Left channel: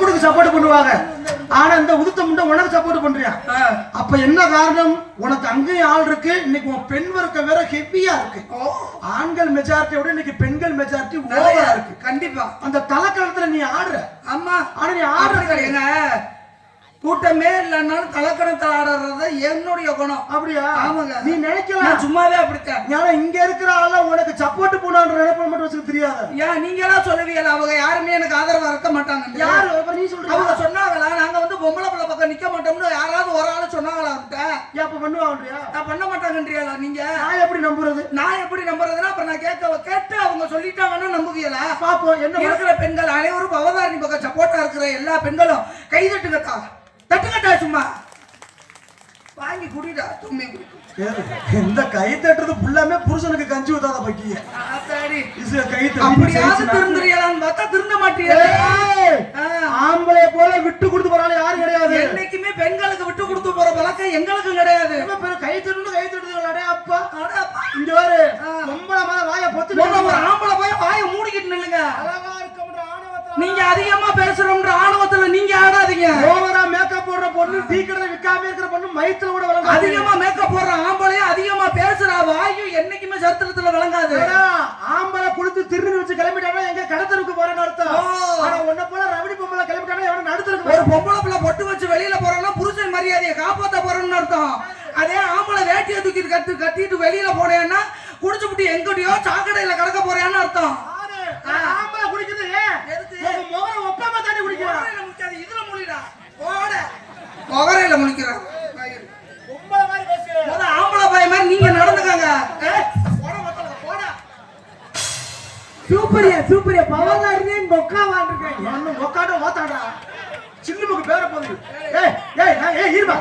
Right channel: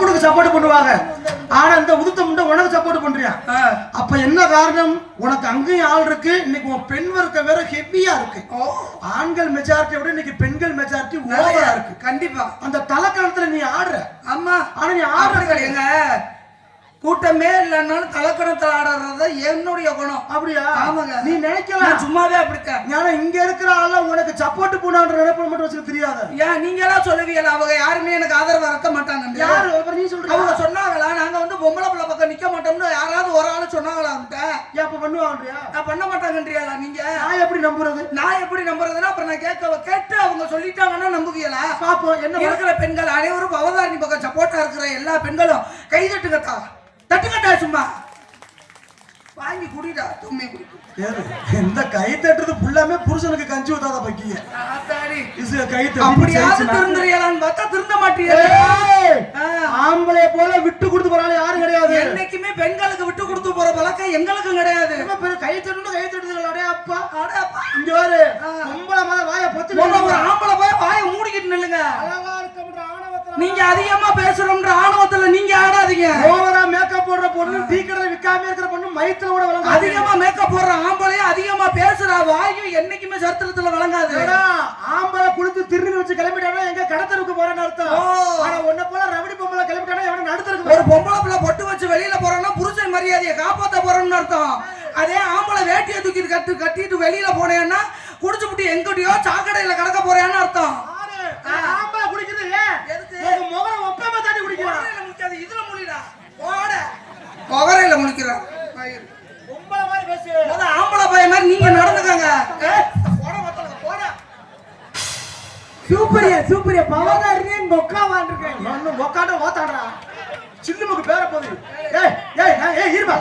அப்பனுக்கு சப்போர்ட் பண்ணுவாங்க. ஆனா இந்த உதுத்த முண்டை உனக்கு சப்போர்ட் பண்றியா? அப்ப என்ன காரணம்? உனக்கு அங்கேயும் ஆள் இருக்கு. இன்னைக்கு உன் பெண் வர்க்கம் வேற ஹெவியா இருக்கு. ஆண்கள் மெஜாரிட்டியோட இன்னைக்கு பெண்கள் மெஜாரிட்டி ஓவரா இருக்கு. கண்டிப்பா அந்த தலைக்கணத்துல நீ ஆடுற. ஆமா, ஆனா நீ ஆடுறது எங்க கூட்டமே இல்லைன்னாலும் கலக்கணத்தில் ஆடுறத என்னுடைய குணம். அப்படியா? ஆமாங்க. நீ நினைக்கலாம் சும்மாவே அப்படித்தான். ஏன்னா இங்க இருக்கிற ஆள்ல உனக்கு சப்போர்ட் பண்ணுன்ற நினைப்பு மட்டும் வச்சுக்க தெரியாது. ஏன் நீங்க எல்லாம் சொல்லுவீங்களா? அவங்க யாருமே எனக்கு ஆதரவு இருக்க மாட்டாங்க. யாரு நீ சொல்ற? அவங்க சொன்னாங்களா நாங்க வந்து பொம்பளை பிள்ளை பக்கம் நிக்க மாட்டோம்னு யாராவது ஒரு ஆளு சொன்னாங்களா? அப்ப பண்ணுவாங்கயா? நான் பண்ண மாட்டாங்கன்றியா? நீங்க நான் எப்படி நம்புறது? நான் எப்படி நம்புறதுன்னா அப்புறம் நான் கேட்டு அவங்க சொல்லிட்டாங்கன்னா நம்புவீங்களா? பாப்போம். என்ன இருக்கிற பெண்கள் அனைவரும் அவதாரணி பக்கம் சப்போர்ட்டா இருக்கிற எல்லா பெண்களும் கைதட்டுங்கக்கா, தட்டுக்கட்டா, சும்மா வாங்கி குடிடா. தும்மே இந்த கை தட்டுறது ஃபுல்லாமே புருஷனுக்கு கஞ்சி ஊத்தாத பக்கிய. கை திருந்தறியலான்னு பார்த்தா திருந்த மாட்டீங்க. ஆம்பளை போல விட்டு கொடுத்து போறாங்க யாரும் கிடையாது. என்னைக்குமே பெண்களுக்கு விட்டு கொடுத்து போற பழக்கம் எங்களுக்கும் கிடையாது. கை தட்டு கை தட்டுது. அடே அப்பா, இங்க பாரு, பொம்பளை மேல வாய பொத்து ஆம்பளை போய் வாய மூடிக்கிட்டு நில்லுங்க. நீங்க அதிகமா பேசுறோம்ன்ற ஆணவத்துல நீங்க ஆடாதீங்க. ஓவரா மேக்கப் போடுற பொண்ணு, டீ கடை விக்காம இருக்கிற பொண்ணு மயத்துல வழங்காது. அதிகமா மேக்கப் போடுற ஆம்பளையும் அதிகமா பேசுற வாயும் என்னைக்குமே சரித்திரத்துல வழங்காது. ஆம்பளை குளித்து திருநி வச்சு கிளம்பிட்டானா எங்க கடத்தருக்கு போறேன்னு அர்த்தம். ஆனா ஒன்ன போல ரவடி பொம்பளை கிளம்பிட்டானா எவன நடுத்தருக்கு. ஒரு பொம்பளை பிள்ளை பொட்டு வச்சு வெளியில போறான்னா புருஷன் மரியாதையை காப்பாத்த போறோம்னு அர்த்தம். அதே ஆம்பளை வேட்டியை தூக்கி கட்டிட்டு வெளியில போனேன்னா குடிச்சுப்புட்டு எங்கடியோ சாக்கடையில கடக்க போறேன்னு அர்த்தம். ஆம்பளை குடிக்கிறது முகம் ஒப்பாம தாண்டி குடிக்கிறான். இதுல முழிடா ஓட முகரையில முழிக்கிறான். பொம்பளை மாதிரி பேசு. ஆம்பளை பைய மாதிரி நீங்க நடந்துக்கங்க. சூப்பரியா பவதாரியே மொக்கா வாண்டிருக்கேன். என்ன மொக்காட வாத்தாடா. சின்னமுக்கு பேர போகுது. இருப்பா.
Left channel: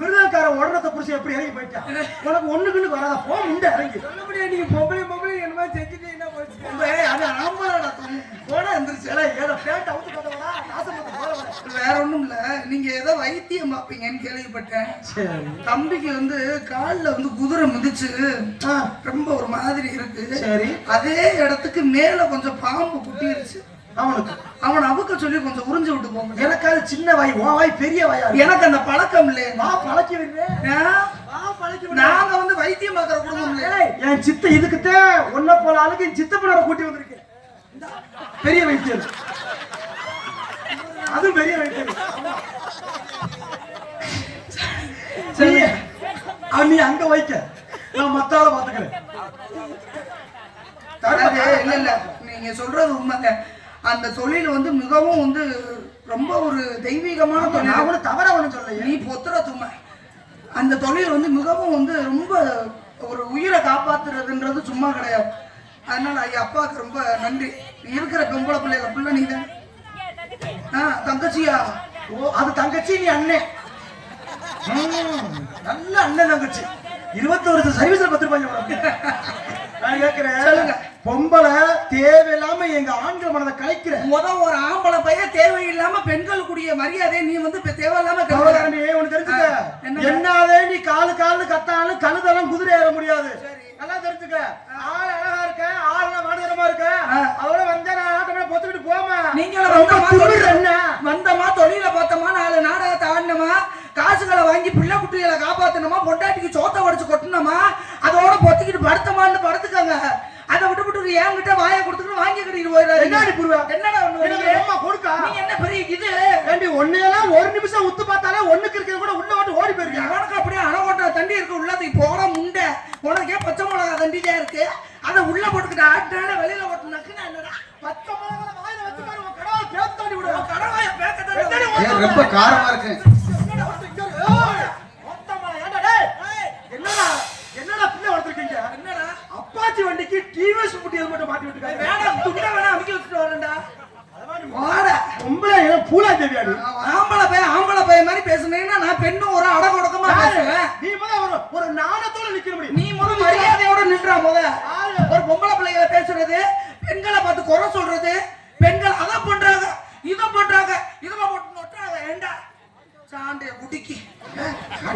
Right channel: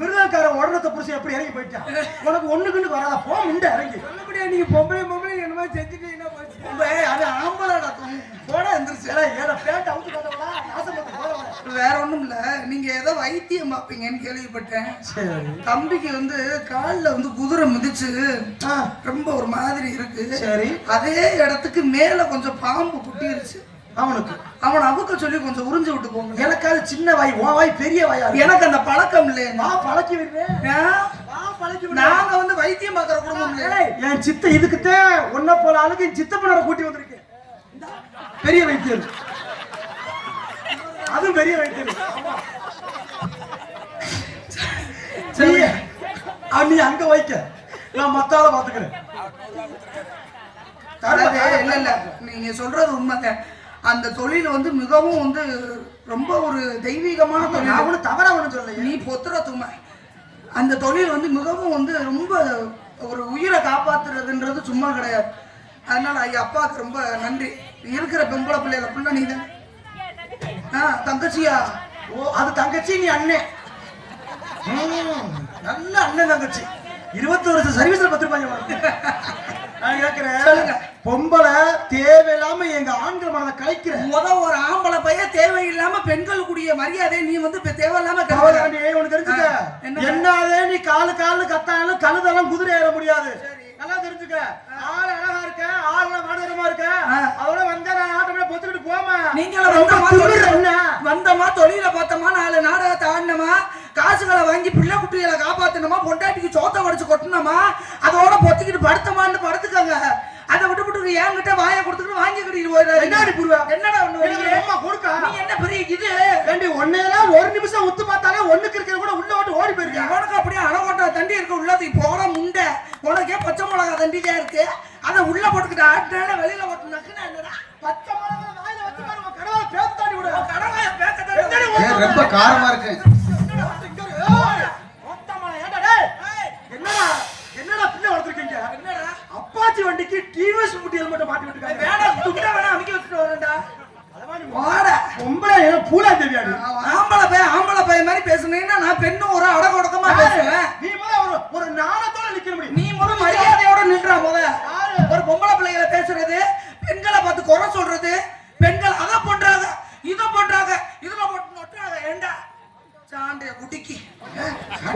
மிருதக்கார உடனத்தை புடிச்சு எப்படி இறங்கி போயிட்டான். உனக்கு ஒண்ணுக்குன்னு வராதா? போ முண்டை இறங்கி. சொல்லப்படியா நீங்க பொம்பளை என்னமா செஞ்சுட்டீங்கன்னா அது ஆம்பளடா. போட எந்திரிச்சு ஏதோ பேண்ட் அவுத்து பார்த்தவளா நாசப்பட்டு போற. வேற ஒண்ணும் இல்ல, நீங்க ஏதோ வைத்தியம் பார்ப்பீங்கன்னு கேள்விப்பட்டேன். தம்பிக்கு வந்து காலில் வந்து குதிரை மிதிச்சு ரொம்ப ஒரு மாதிரி இருக்கு. சரி, அதே இடத்துக்கு மேல கொஞ்சம் பாம்பு குட்டிருச்சு. அவன் அவுக்க சொல்லி கொஞ்சம் உறிஞ்சு விட்டு போங்க. எனக்கு அது சின்ன வாய், உன் வாய் பெரிய வாயா. எனக்கு அந்த பழக்கம் இல்லையே. நான் பழக்கி விடுறேன். நாங்க வந்து வைத்தியம் பார்க்கற குடும்பம் இல்லையே. என் சித்த இதுக்குத்தான் ஒன்ன போல ஆளுக்கு சித்தப்பனோட கூட்டி வந்திருக்கேன். பெரிய வைத்தியம், அது பெரிய வைத்தியம். சரி, நீ அங்க வைக்க, நான் மத்தால பாத்துக்கிறேன். இல்ல நீங்க சொல்றது உண்மைதான். அந்த தொழில் வந்து மிகவும் வந்து ரொம்ப ஒரு தெய்வீகமான தொழில். அவனு தவறா ஒண்ணு சொல்ல, நீ பொத்துற துமை. அந்த தொழில் வந்து மிகவும் வந்து ரொம்ப ஒரு உயிரை காப்பாத்துறதுன்றது சும்மா கிடையாது. அதனால ஐயா அப்பாவுக்கு ரொம்ப நன்றி. இருக்கிற பொம்பளை பிள்ளைல பிள்ளை நீ தான் தங்கச்சியா? ஓ, அது தங்கச்சி, நீ அண்ணன். நல்ல அண்ணன் தங்கச்சி. 20 வருஷம் சர்வீஸ்ல 10 ரூபாய். நான் கேட்கிறேன், பொம்பளை தேவையில்லாம எங்க ஆண்கள் மனதை கலைக்கிற. ஒரு ஆம்பளை பையன் தேவையில்லாம பெண்களுக்குரிய மரியாதை நீ வந்து தேவையில்லாம ஒண்ணு தெரிஞ்சுக்க. என்னாலே நீ காலு கத்தாலும் கழுதெல்லாம் குதிரை ஏற முடியாது. நல்லா தெரிஞ்சுக்க. ஆள் அழகா இருக்க, ஆள் மாடரமா இருக்க, அதோட வந்தா நான் ஆட்டமே பொத்துக்கிட்டு போமா. நீங்க வந்தமா தொழில பார்த்தமா, 4 நாடகத்தை ஆடினமா, காசுகளை வாங்கி பிள்ளை குட்டிகளை காப்பாத்தணுமா, பொண்டாட்டிக்கு சோத்த உடைச்சு கொட்டணுமா, அதோட பொத்திக்கிட்டு படுத்தமான்னு படுத்துக்காங்க. அதை விட்டு என்கிட்ட வாயை கொடுத்துட்டு வாங்கி கட்டிட்டு போயிடுறாரு. என்னடா கொடுக்கா? நீ என்ன பெரிய இது வேண்டி ஒன்னேலாம் ஒரு நிமிஷம் உத்து பார்த்தாலே ஒண்ணுக்கு இருக்கிறது கூட உள்ள ஓட்டு ஓடி போயிருக்கு. உனக்கு அப்படியே அணகோட்டா தண்டி இருக்கு உள்ளது. போட முண்டை உனக்கே பச்சை மிளகா தண்டிதான் இருக்கு. அதை உள்ள போட்டுக்கிட்ட ஆட்டால வெளியில ஓட்டுனாக்குன்னா என்னடா பச்சை மிளகா வாயில வச்சு பாருங்க. கடவுளை பேத்தாடி விடுவோம். கடவாய பேக்கத்தாடி ரொம்ப காரமா இருக்கு. என்னடா பிள்ளை வளர்த்துருக்கீங்க? என்னடா அப்பாச்சி வண்டிக்கு டிவிஎஸ் முட்டி ஹெல்மெட் மாட்டி விட்டுருக்காங்க. வேணாம் துண்டை வேணா அமைக்க வச்சுட்டு வரேன்டா. பொம்பளை பூலா தேவியாடி. ஆம்பளை பையன் மாதிரி பேசுனீங்கன்னா நான் பெண்ணு ஒரு அடக்கொடக்கமா பேசுவேன். நீ ஒரு நாணத்தோட நிக்க முடியும். நீ மரியாதையோட நின்றா ஒரு பொம்பளை பிள்ளைகளை பேசுறது, பெண்களை பார்த்து குறை சொல்றது, பெண்கள் அதை பண்றாங்க இதை பண்றாங்க இதுல போட்டு நொட்டாங்க. ஏண்டா சாண்டைய குட்டிக்கு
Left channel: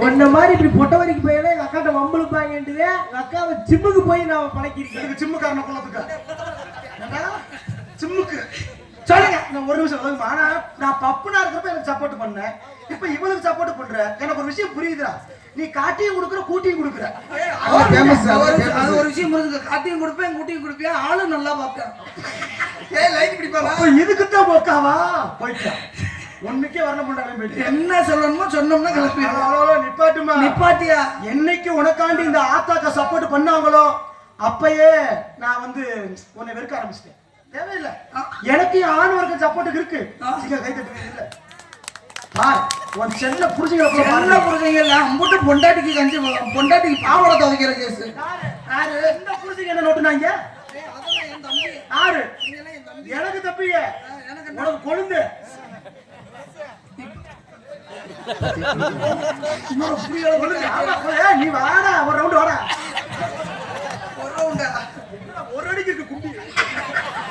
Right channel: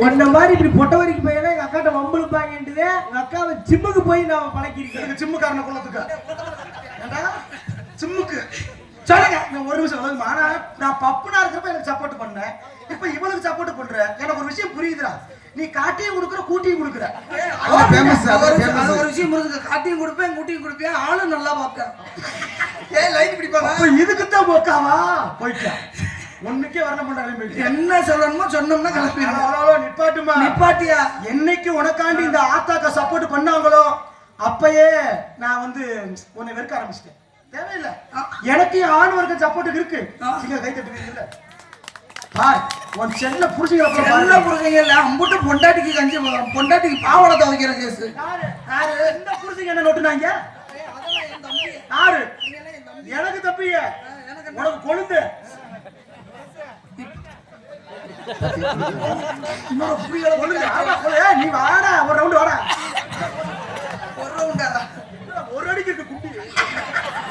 ஒன்ன மாதிரி இப்படி பொட்ட வரைக்கும் போயில எங்க அக்காட்ட வம்பளுப்பாங்கன்றது. எங்க அக்காவை ஜிம்முக்கு போய் நான் பழக்கிருக்கேன். ஜிம்முக்காரன குளத்துக்கு சிம்முக்கு சொல்லுங்க. நான் ஒரு நிமிஷம் வந்து ஆனா நான் பப்புனா இருக்கப்ப எனக்கு சப்போர்ட் பண்ணேன். இப்ப இவளுக்கு சப்போர்ட் பண்ற. எனக்கு ஒரு விஷயம் புரியுதுடா. நீ காட்டியும் கொடுக்குற கூட்டியும் கொடுக்குற. அது ஒரு விஷயம் புரியுது. காட்டியும் கொடுப்பேன் கூட்டியும் கொடுப்பேன் ஆளும் நல்லா பார்ப்பேன். லைட் பிடிப்பாங்க. அப்ப இதுக்கு தான் போக்காவா போயிட்டா. ஒண்ணுக்கே வரல மாட்டாங்க. என்ன சொல்லணுமோ சொன்னோம்னா கிளப்பிடுவோம். நிப்பாட்டுமா நிப்பாட்டியா என்னைக்கு உனக்காண்டி இந்த ஆத்தாக்க சப்போர்ட் பண்ணாங்களோ அப்பயே நான் வந்து உன்னை வெறுக்க ஆரம்பிச்சிட்டேன். தேவையில்லை. எனக்கு ஆண் வர்க்க சப்போர்ட் இருக்கு. நீங்க கை தட்டுவீங்க இல்ல பார் உன் செல்ல புடிச்சீங்க இல்ல அம்புட்டு பொண்டாட்டிக்கு கஞ்சி பொண்டாட்டிக்கு பாவடை துவைக்கிற கேஸ். யாரு என்ன புடிச்சீங்க என்ன நோட்டுனாங்க? அதெல்லாம் என் தம்பி. யாரு? எனக்கு தப்பிய உனக்கு கொழுந்து நீ வாடா ஒரு ரவுண்ட் வாடா. ஒரு அடிக்கு இருக்கு குட்டி.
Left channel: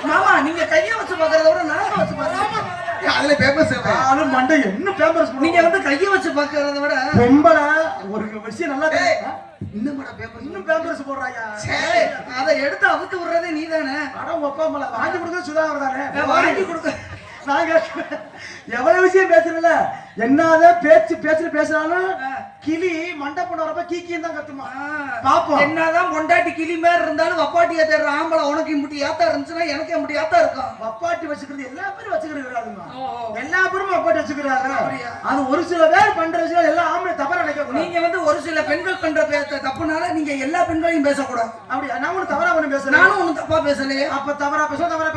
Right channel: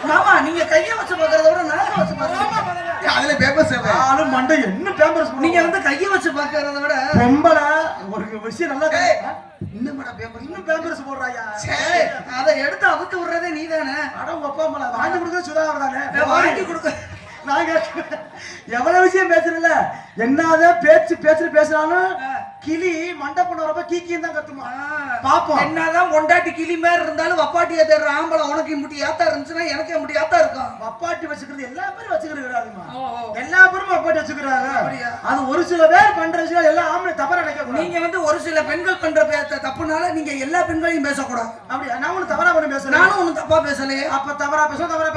மாமா நீங்க கைய வச்சு பாக்குறத விட நான் வச்சு பாக்குறேன். அதுல பேப்பர்ஸ் ஆளு மண்டை என்ன பேப்பர்ஸ் நீங்க வந்து கைய வச்சு பாக்குறத விட பொம்பள ஒரு விஷயம் நல்லா இன்னும் பேப்பர் இன்னும் பேப்பர்ஸ் போடுறாயா? அத எடுத்து அவுத்து விடுறதே நீதானே. அட ஒப்பாமல வாங்கி கொடுக்க சுதாகர் தானே. வாங்கி கொடுக்க நான் எவ்வளவு விஷயம் பேசுறல. என்னதான் பேசுறாலும் கிளி மண்டபம் வரப்ப கீக்கின்னு தான் கத்துமா. பாப்போம் என்னதான் பொண்டாட்டி கிளி மாதிரி இருந்தாலும் வப்பாட்டியா தேடுற ஆம்பளை உனக்கு இப்படி ஏத்தா இருந்துச்சுன்னா எனக்கு இப்படி ஏத்தா இருக்கும். வப்பாட்டி வச்சுக்கிறது எல்லா பேரும் வச்சுக்கிறாங்க. எல்லா பேரும் வப்பாட்டி வச்சுக்கிறாங்க. அது ஒரு சில பேர் பண்ற விஷயம் எல்லாம் ஆம்பளை தவற நினைக்க. நீங்க வந்து ஒரு சில பெண்கள் பண்ற தப்புனால நீங்க எல்லா பெண்களையும் பேசக்கூடாது. அப்படியா? நான் ஒண்ணு தவறா ஒண்ணு பேசுறேன். நானும் ஒண்ணு தப்பா பேசலையே. அப்ப தவறா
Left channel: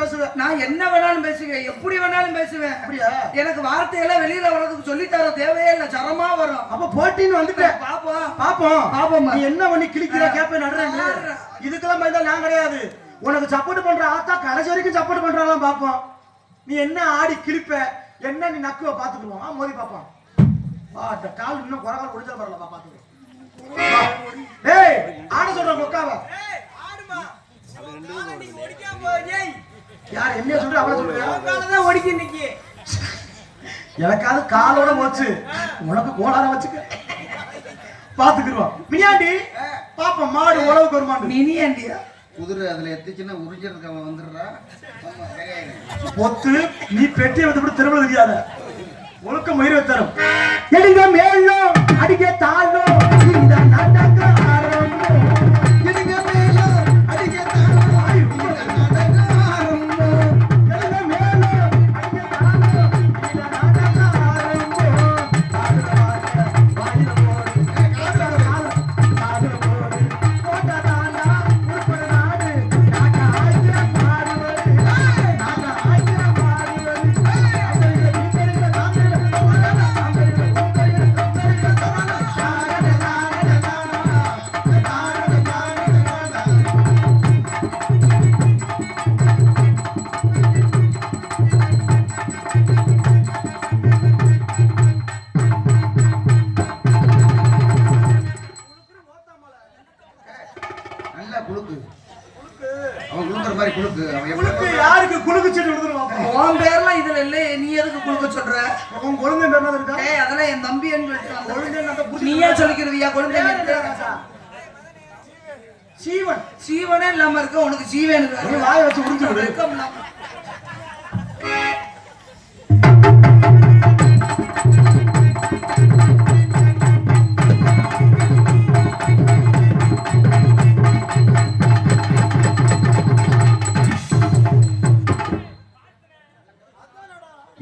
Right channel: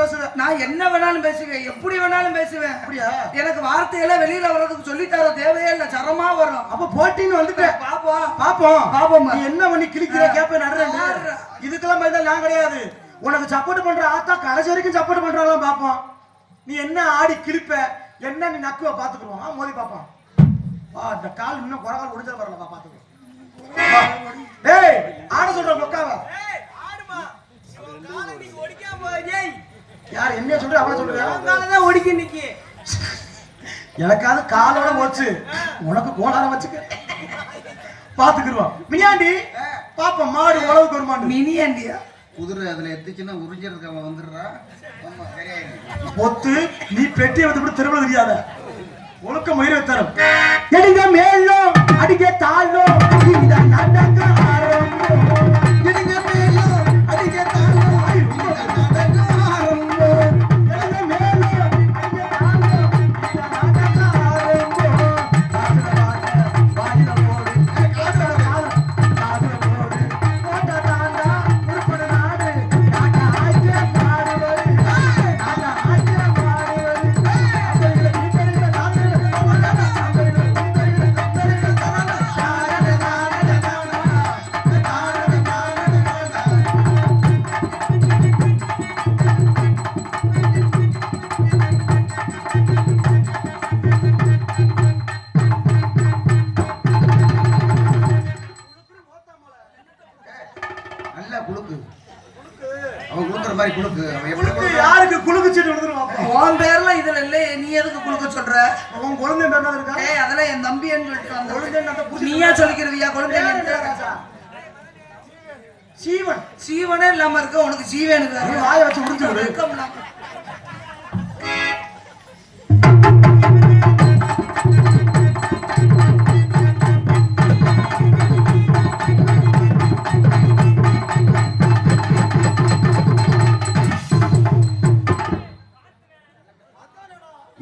பேசுவேன். நான் என்ன வேணாலும் பேசுவேன். எப்படி வேணாலும் பேசுவேன். அப்படியா? எனக்கு வார்த்தையெல்லாம் வெளியில வர்றதுக்கு சொல்லித்தர தேவையே இல்ல. சரமா வரும். அப்ப போட்டின்னு வந்துட்டேன். பாப்போம் நீ என்ன பண்ணி கிளிக்கிற கேப்ப நடுறேன். இதுக்கெல்லாம் பயந்தா நான் கிடையாது. உனக்கு சப்போர்ட் பண்ற ஆத்தா கடைசி வரைக்கும் சப்போர்ட் பண்றாலாம் பாப்போம். நீ என்ன ஆடி கிளிப்ப என்ன நீ நக்குவ பாத்துக்குவோம். மோதி பாப்போம். இந்த கால் இன்னும் குறகால் முடிஞ்சா வரல பாத்துக்க. ஏய் ஆட சொல்ற கொக்காவ. ஏய் ஆடுமா. கால நீ ஓடிக்காம போய். யார் என்ன சொல்ற அவள சொல்றியா? கால தான் ஓடிக்க நிக்கி. எனக்காவது காலோட போச்சு. உனக்கு கோளார வச்சுக்க. பாத்துக்குறோம். மினியாண்டி பாப்போம் மாடு உழவுக்கு வருமாண்டு. மினியாண்டியா குதிரை அதுல எத்திச்சுன்னா உறிஞ்சிறதுக்கு அவன் வந்துடுறா. பொத்து நீ பெட்டியை வந்து திருவிழா தெரியாத ஒழுக்க மயிரை தரும். எடுங்க மேலும் அடிக்க தாழும் இந்த நாடக ஆரம்பம். எடுங்க மேலும் அடிக்க தாழும் இந்த நாடக ஆரம்பம். எடுங்க மேலும் அடிக்க தாழும் இந்த நாடக ஆரம்பம். வாயில போடு யாருக்கு குலுக்கு சீட்டு விடுறோம். உன் பேர்லாம் இதுல இல்ல. நீ எதுக்கு குழுக்க சொல்ற? உன் குழந்தை பேர் இருக்கா? ஏய் அதெல்லாம் என் தம்பின்னு சொல்லிட்டு நீயா சொல்லிக்கிறவியா குழந்தை? சீவன் சீவனே இல்லாம இருக்க உனக்கு சீவனுக்கு வாய வச்சு முடிஞ்சு.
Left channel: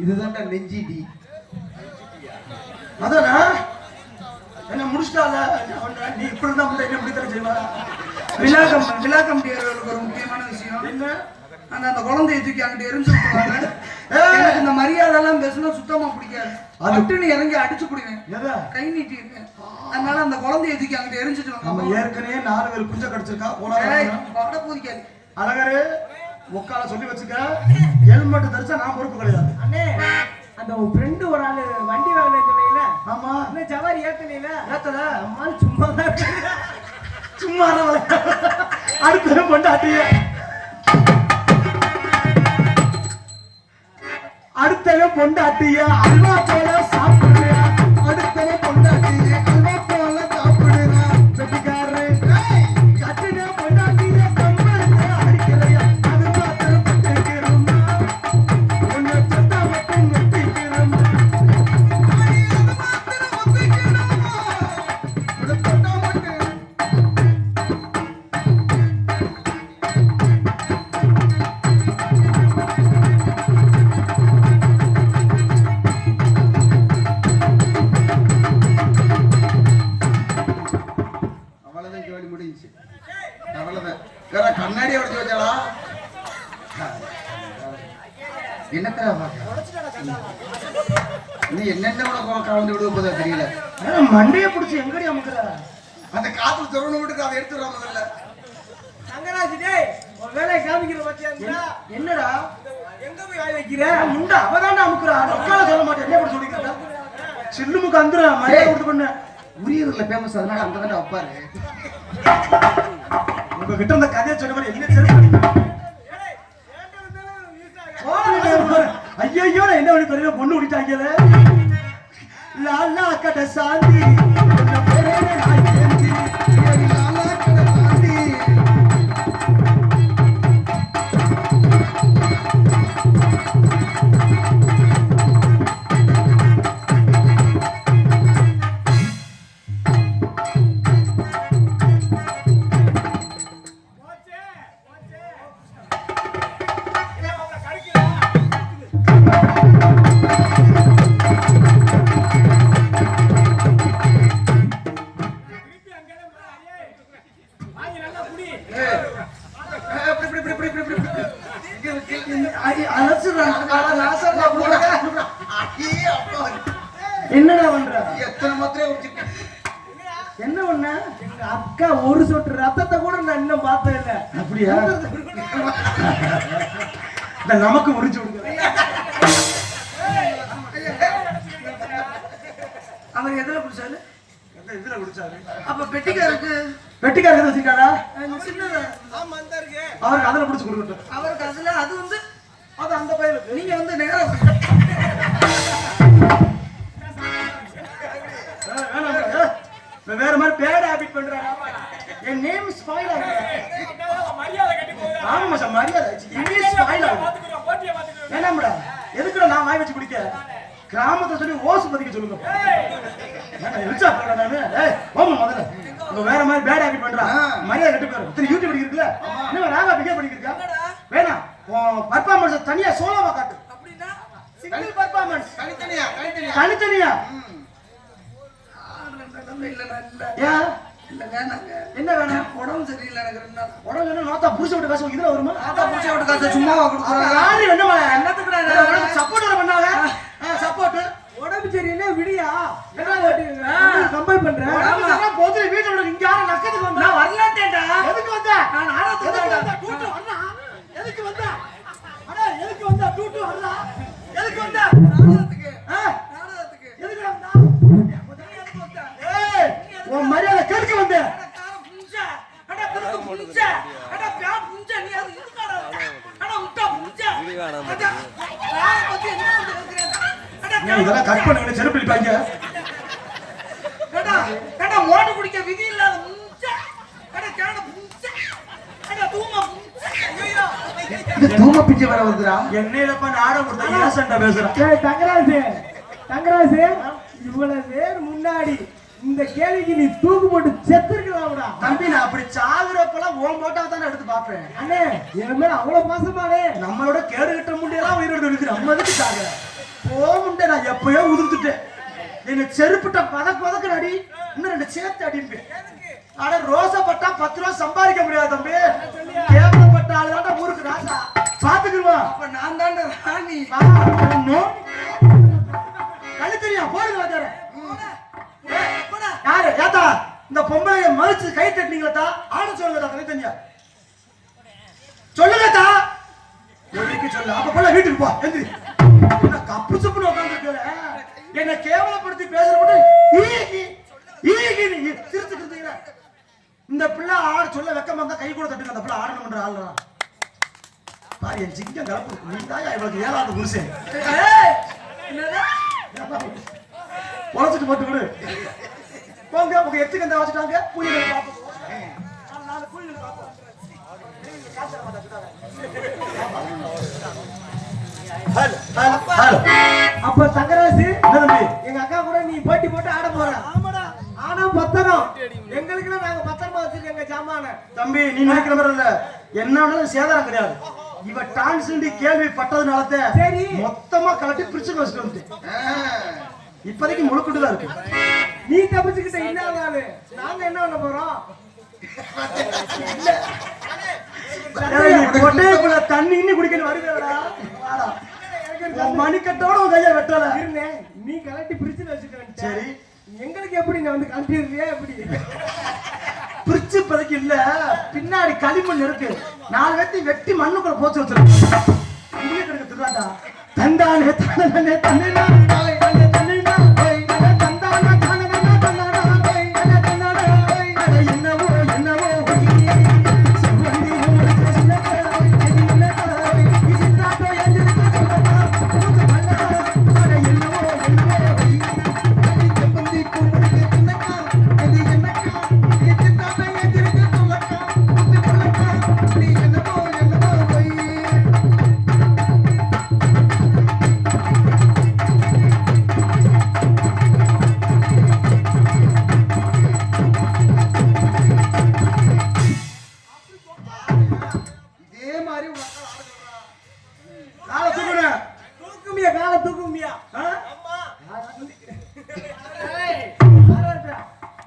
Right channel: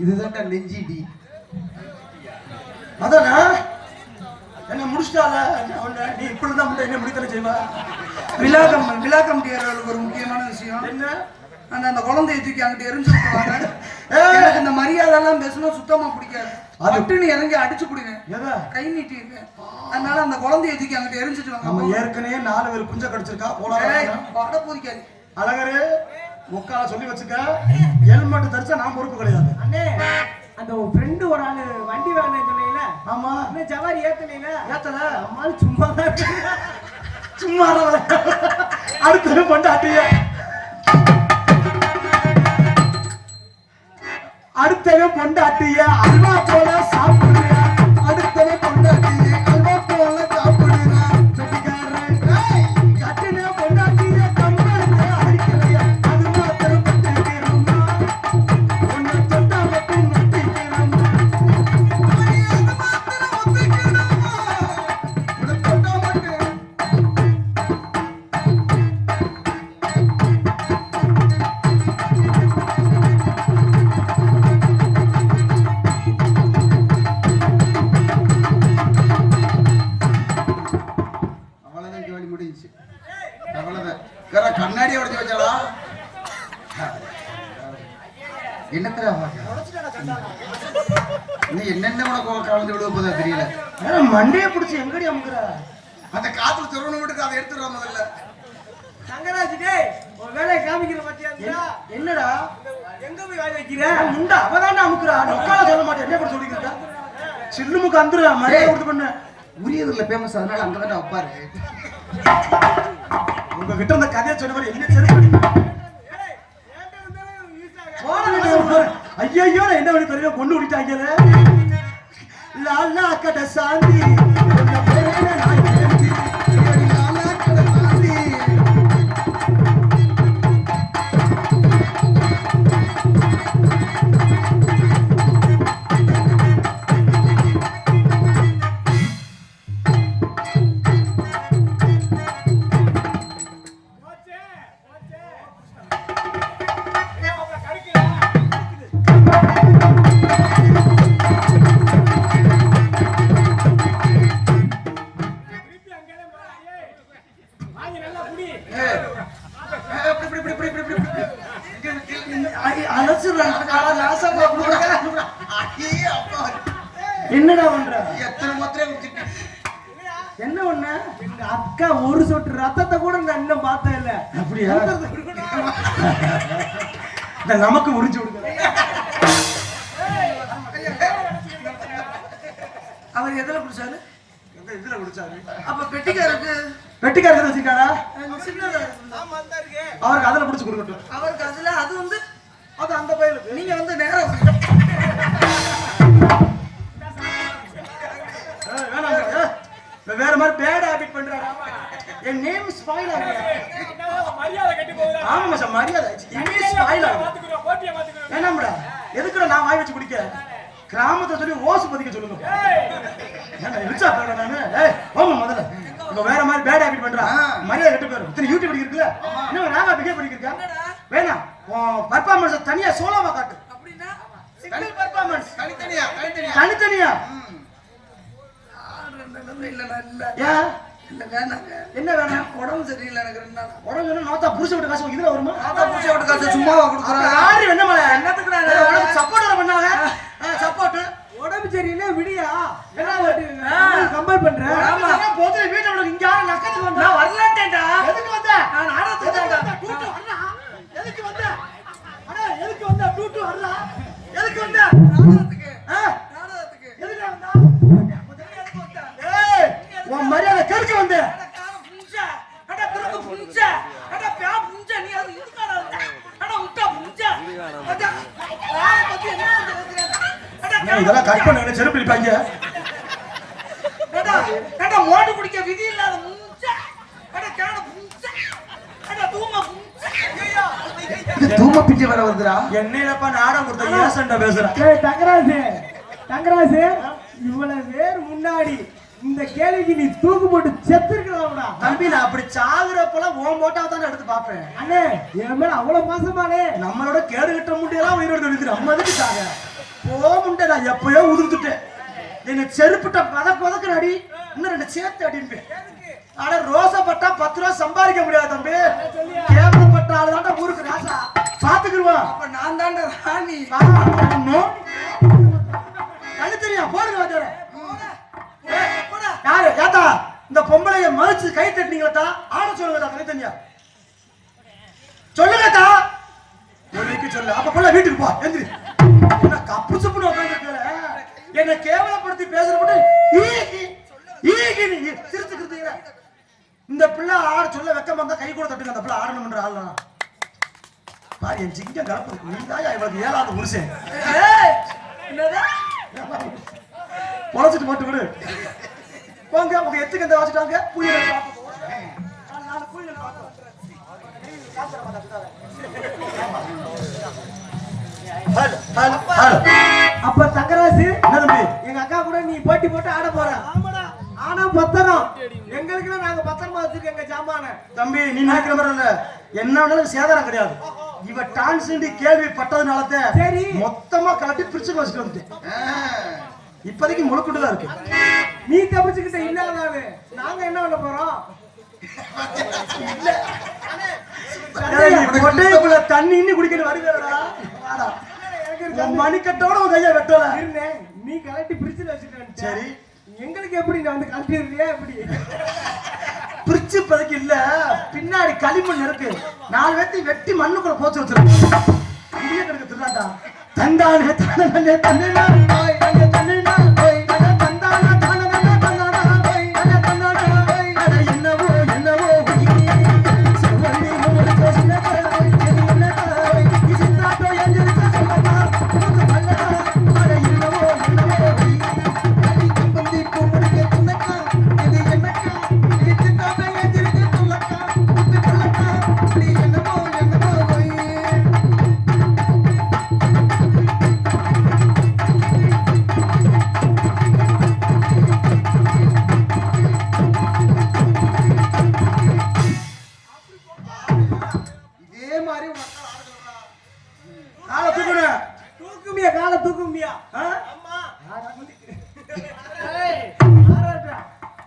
இதுதான்டா நெஞ்சிடி. அதானா என்ன முடிச்சிட்டால நீ இப்படி தான் என்ன முடித்தர செய்வா. விழாக்கம் ஒரு முக்கியமான விஷயம் என்ன அந்த குழந்தைய தூக்கி அங்கிட்டு எரிஞ்சு விட்டுருவாங்க. எனக்கு இந்த மரியாதை எல்லாம் பேசினா சுத்தமா பிடிக்காது. அதுன்னு இறங்கி அடிச்சு பிடிவேன். கை நீட்டி இருக்கேன். அதனால அந்த குழந்தைய தூக்கி அங்கிட்டு எரிஞ்சிட்டு நம்ம ஏற்கனவே 4 பேர் குஞ்ச கடிச்சிருக்கா. பட பூதிக்காது. அழகரு முக்கால சொல்லி வச்சுக்க. ஹெல்மெட் தரிச்சா நான் பொறுப்பு கிடையாது. அண்ணே அந்த ஒரு ஃப்ரெண்டு ஒரு ஆளு வண்டி வாங்கினேன்னு சொன்னீங்கல்ல? ஆமா. என்ன சவாரி ஏத்தனீங்க? ஏத்தல. அம்மா சும்மா தான் சும்மா அடுத்து பொண்டாட்டிய அடுத்தவன் பொண்டாட்டிய அல்வா போல சாப்பிடுறியா? அடுத்தவன் பொண்டாட்டிய அல்வா போல சாப்பிடுறா. வெட்டிக்காரே கட்டின பொண்டாட்டிய கம்பளத்துல அடிக்கலையா? அது மாத்திரம் பட்டுக்கிறோமா? உன்னை என்னத்தடா பாக்க இன்னும் என்னென்ன உனக்கு கலந்து விடுவ போதா தெரியல. மண்டையை பிடிச்சி எங்கடி அமுக்குற? அந்த காத்துல சொருணு விட்டு அதை எடுத்துடுற முதல்ல. தங்கராஜ் டேய் ஒரு வேலையை காமிக்கிற பாத்தியா? என்னடா எங்க போய் வாய் வைக்கிற? முண்டா அவதான்டா அமுக்குறா. உட்கார சொல்ல மாட்டேன். என்ன பண்ண சொல்லிக்கிட்ட? சில்லுமுக்கு அந்துற மண்டையை கொடுத்து பண்ண. உரியதுல ஃபேமஸ், அதனால அங்கதானே வைப்பாரு. உங்ககிட்ட அந்த கதையை சொன்ன மாதிரி என்ன தெரியும்? ஐயோ நான் என்ன பண்ணி தெரியல, பொண்ணு விட்டாங்கல. லாலா கட சாந்தி என்னடா பண்ற? எத்தனை மாத்திரை என்ன பண்ண? எங்க அக்கா ஒரு சொட்டு ரத்தத்தை கூட நான் இன்னும் பார்த்தே இல்ல. அப்படியா? இந்த நமக்கு உரிச்சு விடுங்க. அவர் எதுல குடிச்சாரு? எந்த இதுல குடிச்சாரு? அப்ப பெட்டிக்காருக்கு வெட்டிக்காரங்க வச்சிருக்காரா? சின்னதா அவருக்கு அதுல பிடிச்சு கொடுக்கட்டும். அவருக்கு அதுல அது வந்து அது அந்த பையலுக்கு. நீங்க வந்து நேரா வேற மாதிரி பேட் ஹாபிட் பண்றாங்க. என் நேம் ஸ்பாயில் ஆகுது. ஆமா சார், மரியாதை இங்கிலீஷ் ஸ்பாயில் ஆகுது. என்னம்டா எதுக்குடா நான் வாய் வச்சு குடிக்க? கிராமத்தை சொல்லி ஓசு பதிக்க சொல்லுங்க. ஏன்னா ரிச்சா பண்ணல நானு. ஏய் ஓமா முதல்ல இவ வேற மாதிரி பேட் ஹாபிட் பண்றா. மரியாதை கெட்டு போயிரும். இத்தனை யூடியூப் படிக்கிறதுல இன்னும் ராவா பிகே படிக்கிறா. வேணாம் பர்ஃபார்மன்ஸ் தனியா சோலோவா காட்டு. அப்படின்னா சிங்கிள் பர்ஃபார்மன்ஸ் தனித்தனியா தனித்தனியா. இல்ல நல்ல ஏன் இல்ல வேணாங்க. என்ன வேணும்? உடம்பு சரியில்லை எனக்கு 2 நாள். உடம்பு நோத்தா புடிச்சு விட்டு காசு இதுல வருமா? ஆட்டா புடிச்சு விட்டு காசு சும்மாவா கொடுக்குறாங்க? யாரு என்னமா என்னத்துக்கு சப்போர்ட் பண்ணாங்க? சப்போர்ட் உடம்பு சரியில்லை விடியா என்ன கம்பல் பண்ற? போது வீட்டுல இங்க யாரும் நக்கத்துக்கு வந்தா நான் வரலான்டேடா. எதுக்கு வந்த? நான் நாடகத்துக்கு வந்தேன். டூட்டு வரல. எதுக்கு வந்த? அட எதுக்கு வந்த? டூட்டு வரல. எதுக்கு வந்த? நாடகத்துக்கு நாடகத்துக்கு எதுக்கு வந்த? முதல்ல எதுக்கு வந்த? ஏய் உன் மரியாதை கேட்க வந்த. அட கார புஞ்ச அட குறுக்கு புஞ்ச அட பே புஞ்ச நீ அது இதுக்காடா அட முட்டை புஞ்ச அட கார பத்தி என்ன கேக்குறேன்? அட இதெல்லாம் கட் பண்ணி செருப்பு அடிப்பாங்க. அட அட மோடு குடிக்க விதி இல்லாத புஞ்ச அட கார புஞ்ச அட தூம புஞ்ச இது தூம பிஞ்சு வர வருதுடா. என்னடப்பா நாடகம் கொடுத்த ஏசன்ட்ட பேசுற. ஏய் தங்கராஜ் இவ்வளவு பேர் முன்னாடி இந்த கேள்விக்கு நீ தூக்கு போட்டு செத்துருக்கலாம்டா. தம்பி நான் அப்படி சாகுறப்பெல்லாம் ஓன் போட்டாவை தான் எடுத்து பாப்பேன். அண்ணே என் மேல அவ்வளவு பாசமானே. நம்மளோட கேடு கட்ட முடியெல்லாம் உயிரோடு இருக்குது. நம்ம எதுக்கு சாக போக முடிய? நான் எப்பயோ உதிர்த்துட்டேன். நீங்க செருப்பிட்ட பதக்கு அடி இன்னும் 2 சேர்த்து அடிப்பேன். ஆனா ரோசப்பட்டா 10 ரூபா சம்பாதிக்க முடியாது தம்பி. கேவலப்பட்ட ஆளுதான் ஊருக்கு ராசா பாத்துக்குருவான். அப்ப நான் தான்டா ராணி. கண்ணு தெரியும் போடுங்க வாத்தியாரே. யாரு ஏத்தா இந்த பொம்பளைய மதிச்சு கை தட்டினீங்களா? ஆட சொல்லுங்கடா கை தனியா சொல்லுங்கடா. எதுக்கு சொல்ல? அப்ப போல வீட்டுக்கு போ. எந்திரி. என்ன கப்பு சுப்புன்னு உட்கார்ந்திருக்கல? என்ன கேவலப்படுத்தி பேசுறப்ப ஈகி நீ சிரிச்சுக்கிட்டீங்க. இந்த பிள்ளை ஆட சொல்ல வெக்கமா இருந்தா கை கூட தட்டுங்க. அந்த பிள்ளை ஆடணும்ன்ற ஆள்தான் பாரு. என் சிங்கம் கலப்பு நீ தான் இவளுக்கு 7வது புருஷன். என்னடா உழைச்சிட்டு போட்டு விடு. போங்க உங்க எத்துக்கு இந்த வச்சுட்டாங்க. அப்ப தங்கராசு என்ன தம்பி? எங்க அக்கா கூட நீ போட்டி போட்டு ஆட போற. ஆமாடா ஆனா பத்திரம் எங்களுக்கு நாங்க பத்திரமா வச்சிருக்கோங்க ஜாமான. தம்பி நீ நினைக்கிற மாதிரி இல்ல. என்னன்னாலும் சேதாரம் கிடையாது. இவ டான்ஸ் கேள்விப்பட்டதுனால சரி மொத்தமா கலட்டி பிரிச்சு வச்சுட்டு வந்து இப்போதைக்கு முழுக்கிட்டு தான் இருக்கு. நீ தப்பிச்சுக்கிட்ட இல்லாதானு நாங்க என்ன பண்ண போறோம்? தண்ணி இன்னும் குடிக்கணும் வருவேடா. மணிக்கட்டோட உன் கையை வெட்டல இருந்தேன் நீ கலட்டி பிரிச்சு வச்சுட்டேன் சரி எங்களுக்கு எப்படி நான் வந்து கழட்டிடுறியா எப்படி பிரிச்சு இப்போதைக்கு இல்ல பின்னாடி களிமண் இருக்கு 4 வெட்டி வெட்டி மண்ணுக்குள்ள போச்சு வச்சிருக்கோம் இங்கே கிடக்கு திருடாட்டா தந்தானே தந்தானே தந்தேனா ஓய் தந்தே தந்தேனா ஓய் தந்தானே தந்தானே தந்தானா ஓய் தந்தே தந்தானா ஓய் அட என்னவோ என்னவோ சம்பந்தி ஒரு பேசினா என்ன ஓய் இசிந்தாட்டோ எஞ்சிருக்க சொல்லடா உனக்கு பல்ல அட என்னவோ என்னவோ ஓய் அடி சம்பந்தி கூப்பிடுங்க துணக்கா இது என்னக்கா இசிந்தாட்டோ எஞ்சிருக்க சொல்லடா உனக்கு பல்லக்கா நீ என்னவோ என்னவோ ஓய் இதே மாதிரி காலை தூக்குன தூக்குமியா காலை தூக்குமியா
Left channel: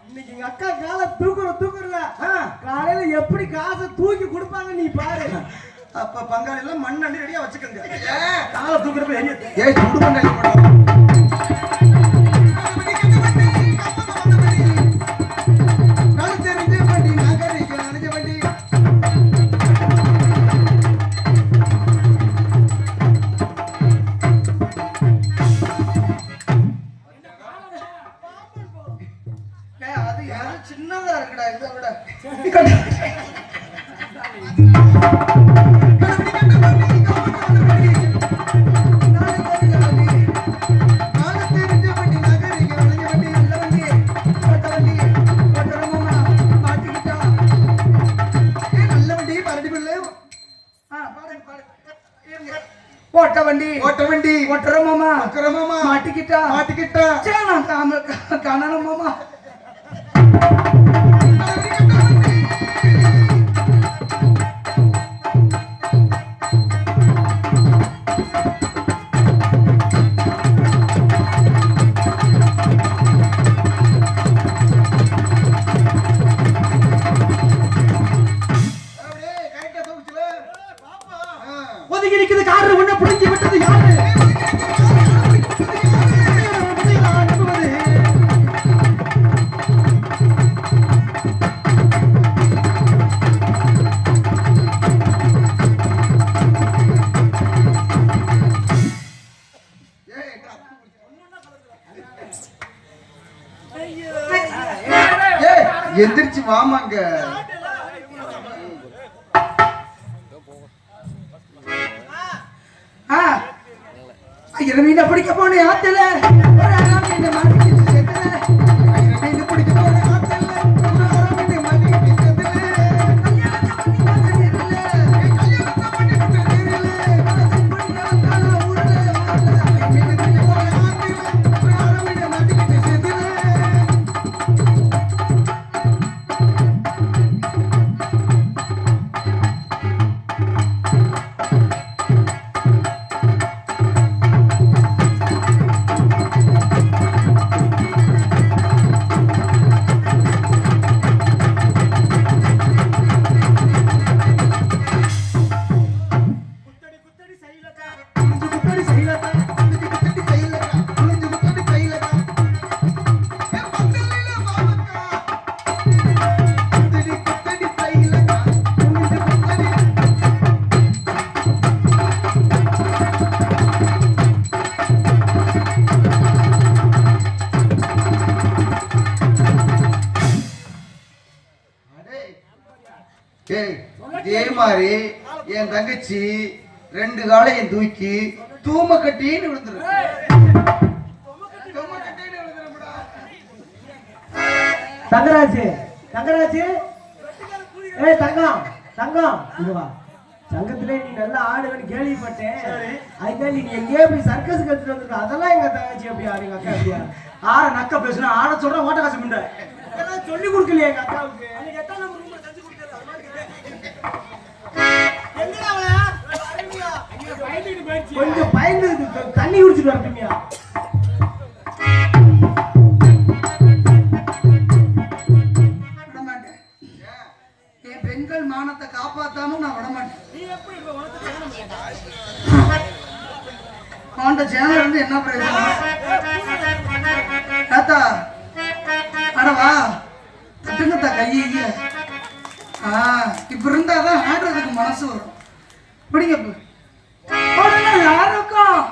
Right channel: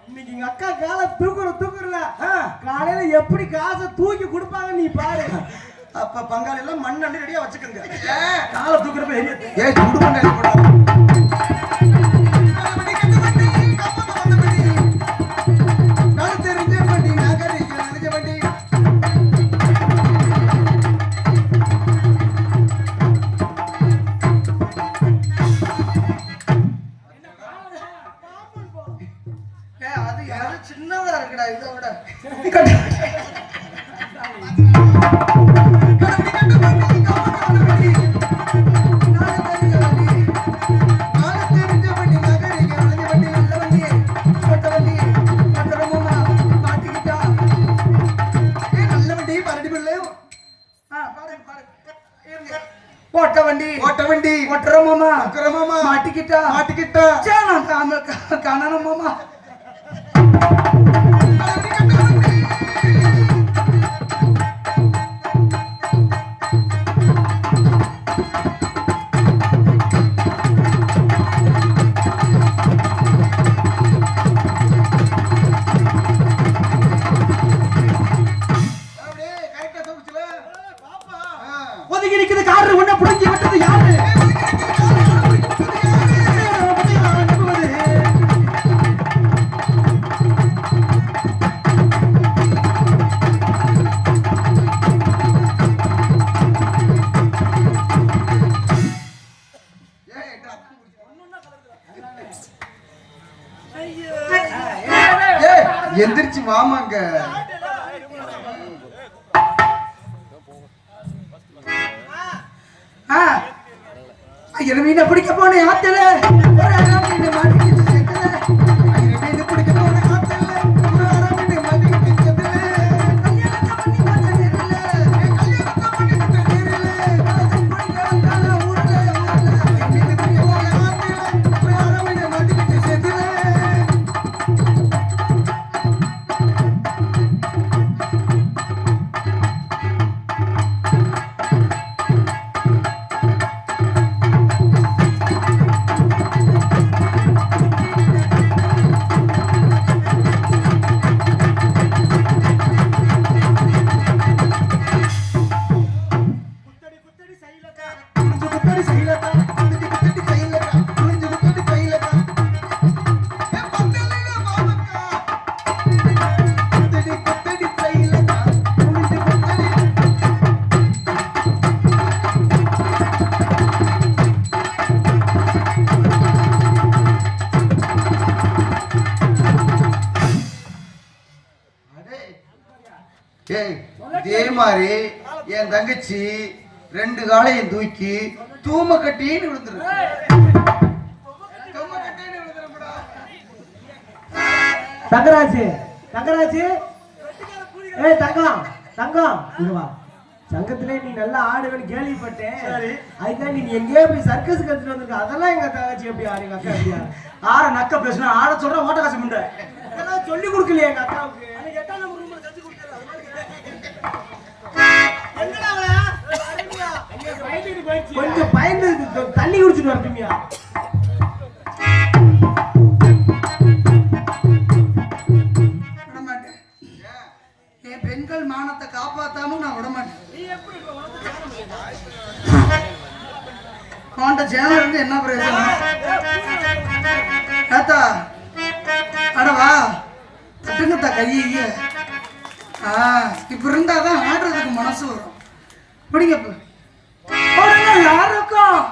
இன்னைக்கு எங்க அக்கா காலை தூக்குறல காலையில எப்படி காசை தூக்கி கொடுப்பாங்க நீ பாரு அப்ப பங்காளி எல்லாம் மண் அள்ளி ரெடியா வச்சுக்கோங்க காலை தூக்குறப்ப ஏய் குடு பங்காளி போடா நான் தெரிஞ்ச வண்டி நகரிக்க நினைச்ச வண்டி அது சின்னதா இருக்குடா இதை விட ஓட்ட வண்டி ஓட்டுற மாமா மாட்டிக்கிட்டா சே நான் காணணும் மாமா ஒதுங்கி நிக்குது காரு ஒண்ணு புடிஞ்சு விட்டது யாரு எந்திரிச்சு வாமாங்க மீனை பிடிக்க போன ஆத்துல இதே மாதிரி என் தங்கச்சி 2 காலையும் தூக்கி தூம கட்டின்னு விழுந்துரு தங்கராஜ் ஏய் தங்கம் இங்க வா சங்கத்திலே நீ நல்லா ஆடுவேன்னு கேள்விப்பட்டேன் அதுக்காக நீ எங்கேயோ போய் சர்க்கஸ் கத்துட்டு வந்திருக்க அதெல்லாம் எங்க தங்கச்சி எப்படி ஆறு எங்க அக்கா எப்படியா ஆற நக்க பேசுனா ஆட சொல்ற ஓட்ட காசு முண்டை அதெல்லாம் சொல்லி கொடுக்கலையே எங்க அக்காவுக்கு கொஞ்சம் பயந்து தண்ணி குடிச்சிட்டு வரட்டுமியா என் பெண்கள் மானத்தை காப்பாத்தாம நான் விட மாட்டேன் அவன்கிட்ட சேனல் இருந்து என்ன பிரயோஜனம்? ஏத்தா அடவா தட்டுங்கத்தா கைய. இப்ப இருந்தாதான் ஆடுறதுக்கு மனசு வரும். பிடிங்க யாருக்கும்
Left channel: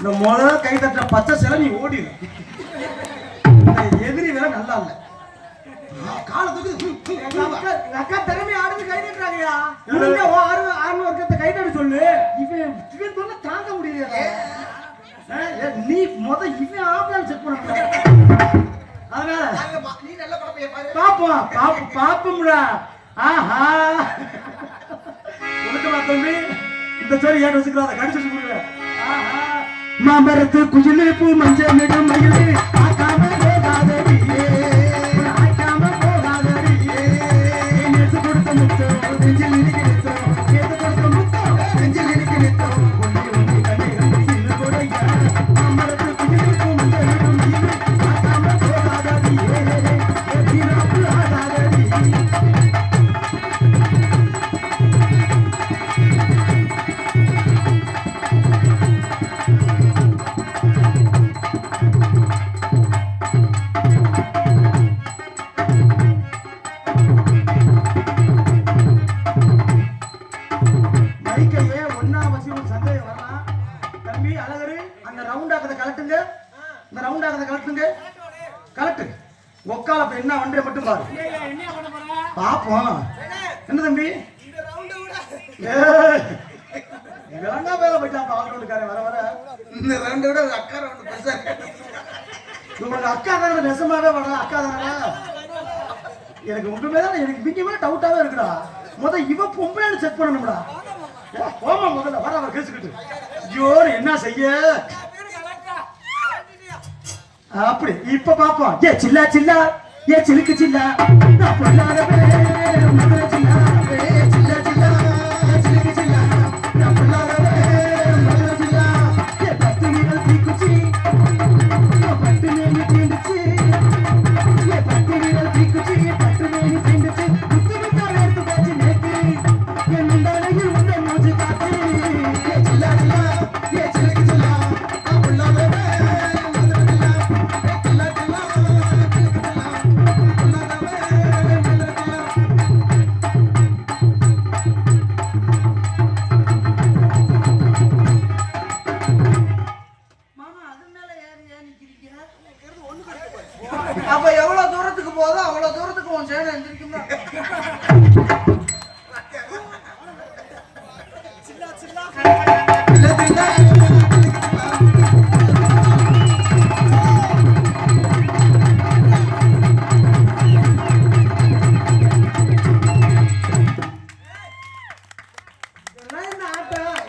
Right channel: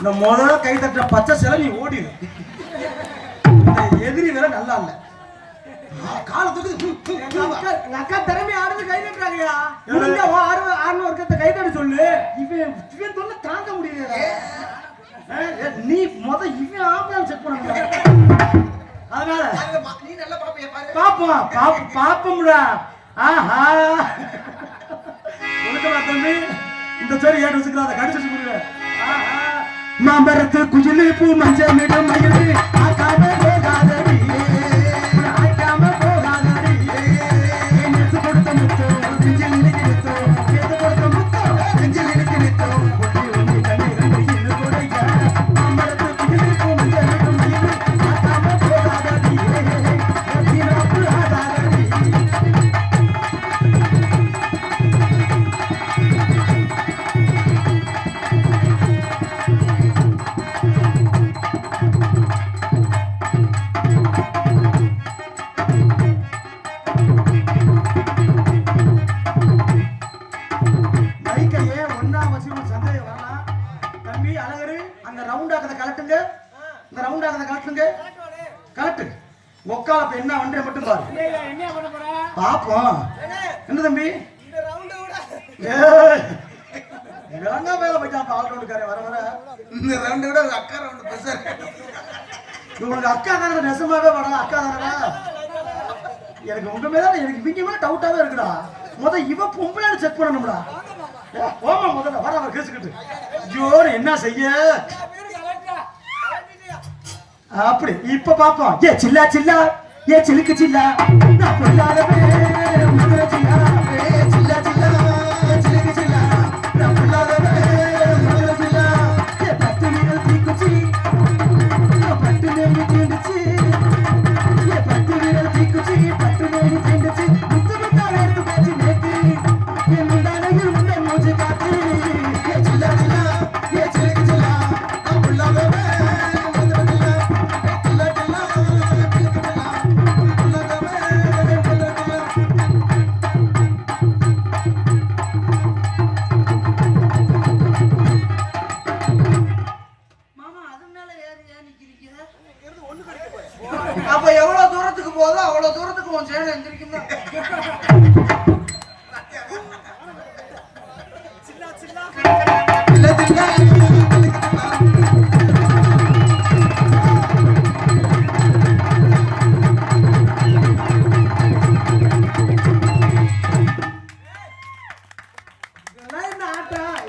இந்த முதல்ல கை தட்ட பச்சை சிலை நீ ஓடிடு. இந்த எதிரி வேற நல்லா இல்ல. காலத்துக்கு அக்கா திறமை ஆடுறது கை தட்டுறாங்கயா. ஆறு ஒருக்கத்தை கை தட்ட சொல்லு. இவன் சொல்ல தாங்க முடியல. நீ இவன் ஆம்பளை செக் பண்ண. அதனால நீ நல்லா பாப்போம்டா. ஆஹா ஒழுக்கமா தம்பி இந்த சரி ஏன் வச்சுக்கிறாத கடிச்சு சொல்லுங்க. மாமரத்து குஜிலு பூ மஞ்சள் மிடம் மயிலு ஆகாம போகாதடியே ஆகாம போகாதடியே நேத்து கொடுத்த முத்தோ நெஞ்சில் நினைக்கிறதோ நேத்து கொடுத்த முத்தோ நெஞ்சில் நினைக்கிறதோ ஒண்ணி ஒண்ணி கண்ணி கண்ணி இது கொடுங்க. மாமரத்து குஜிலு பூ மஞ்சள் மிடம் மயிலு ஆகாம போகாதடியே நீராத்து ஆகாதடி. என்ன ஒன்றே மட்டும் பாரு. பாப்போம். என்ன தம்பி இவங்க வேலை போயிட்டான். ஆல்ரவுண்டுக்காரன் வர வர இந்த ரவுண்டை விட அக்கா ரவுண்டு பெருசா. உங்களுக்கு அக்கா தானே நெசமாவே வரலாம். அக்கா தானே எனக்கு ஒன்றுமே தான் எனக்கு மிகமே டவுட்டாவே இருக்குடா. இவ பொம்பளை செக் பண்ணணும்டா. ஓமா முதல்ல வர வர கேசுக்கிட்டு ஜோர் என்ன செய்ய அப்படி இப்ப பாப்போம். ஏ சில்லா சில்லா ஏ சிலுக்கு சில்லா நான் பொல்லாதவே முதல்ல சில்லா சில்லா சில்லா சிலுக்கு சில்லா நான் பொல்லாதவே முதல்ல சில்லா ஏ பத்து வீரல் தீக்குச்சி பட்டு மேலே தீண்டுச்சு ஏ பத்து வீரல் தீக்குச்சி பட்டு மேலே தீண்டுச்சு முத்த முத்த எடுத்து காட்சி நேத்து என் முந்தானையில் முன்னே மூச்சு காத்து ஏ சில்லா சில்லா ஏ சிலுக்கு சில்லா நான் பொல்லாதவே அப்ப எவ்வளவு தூரத்துக்கு போதோ அவ்வளவு தூரத்துக்கு உன் சேனை எந்திரிக்கும்.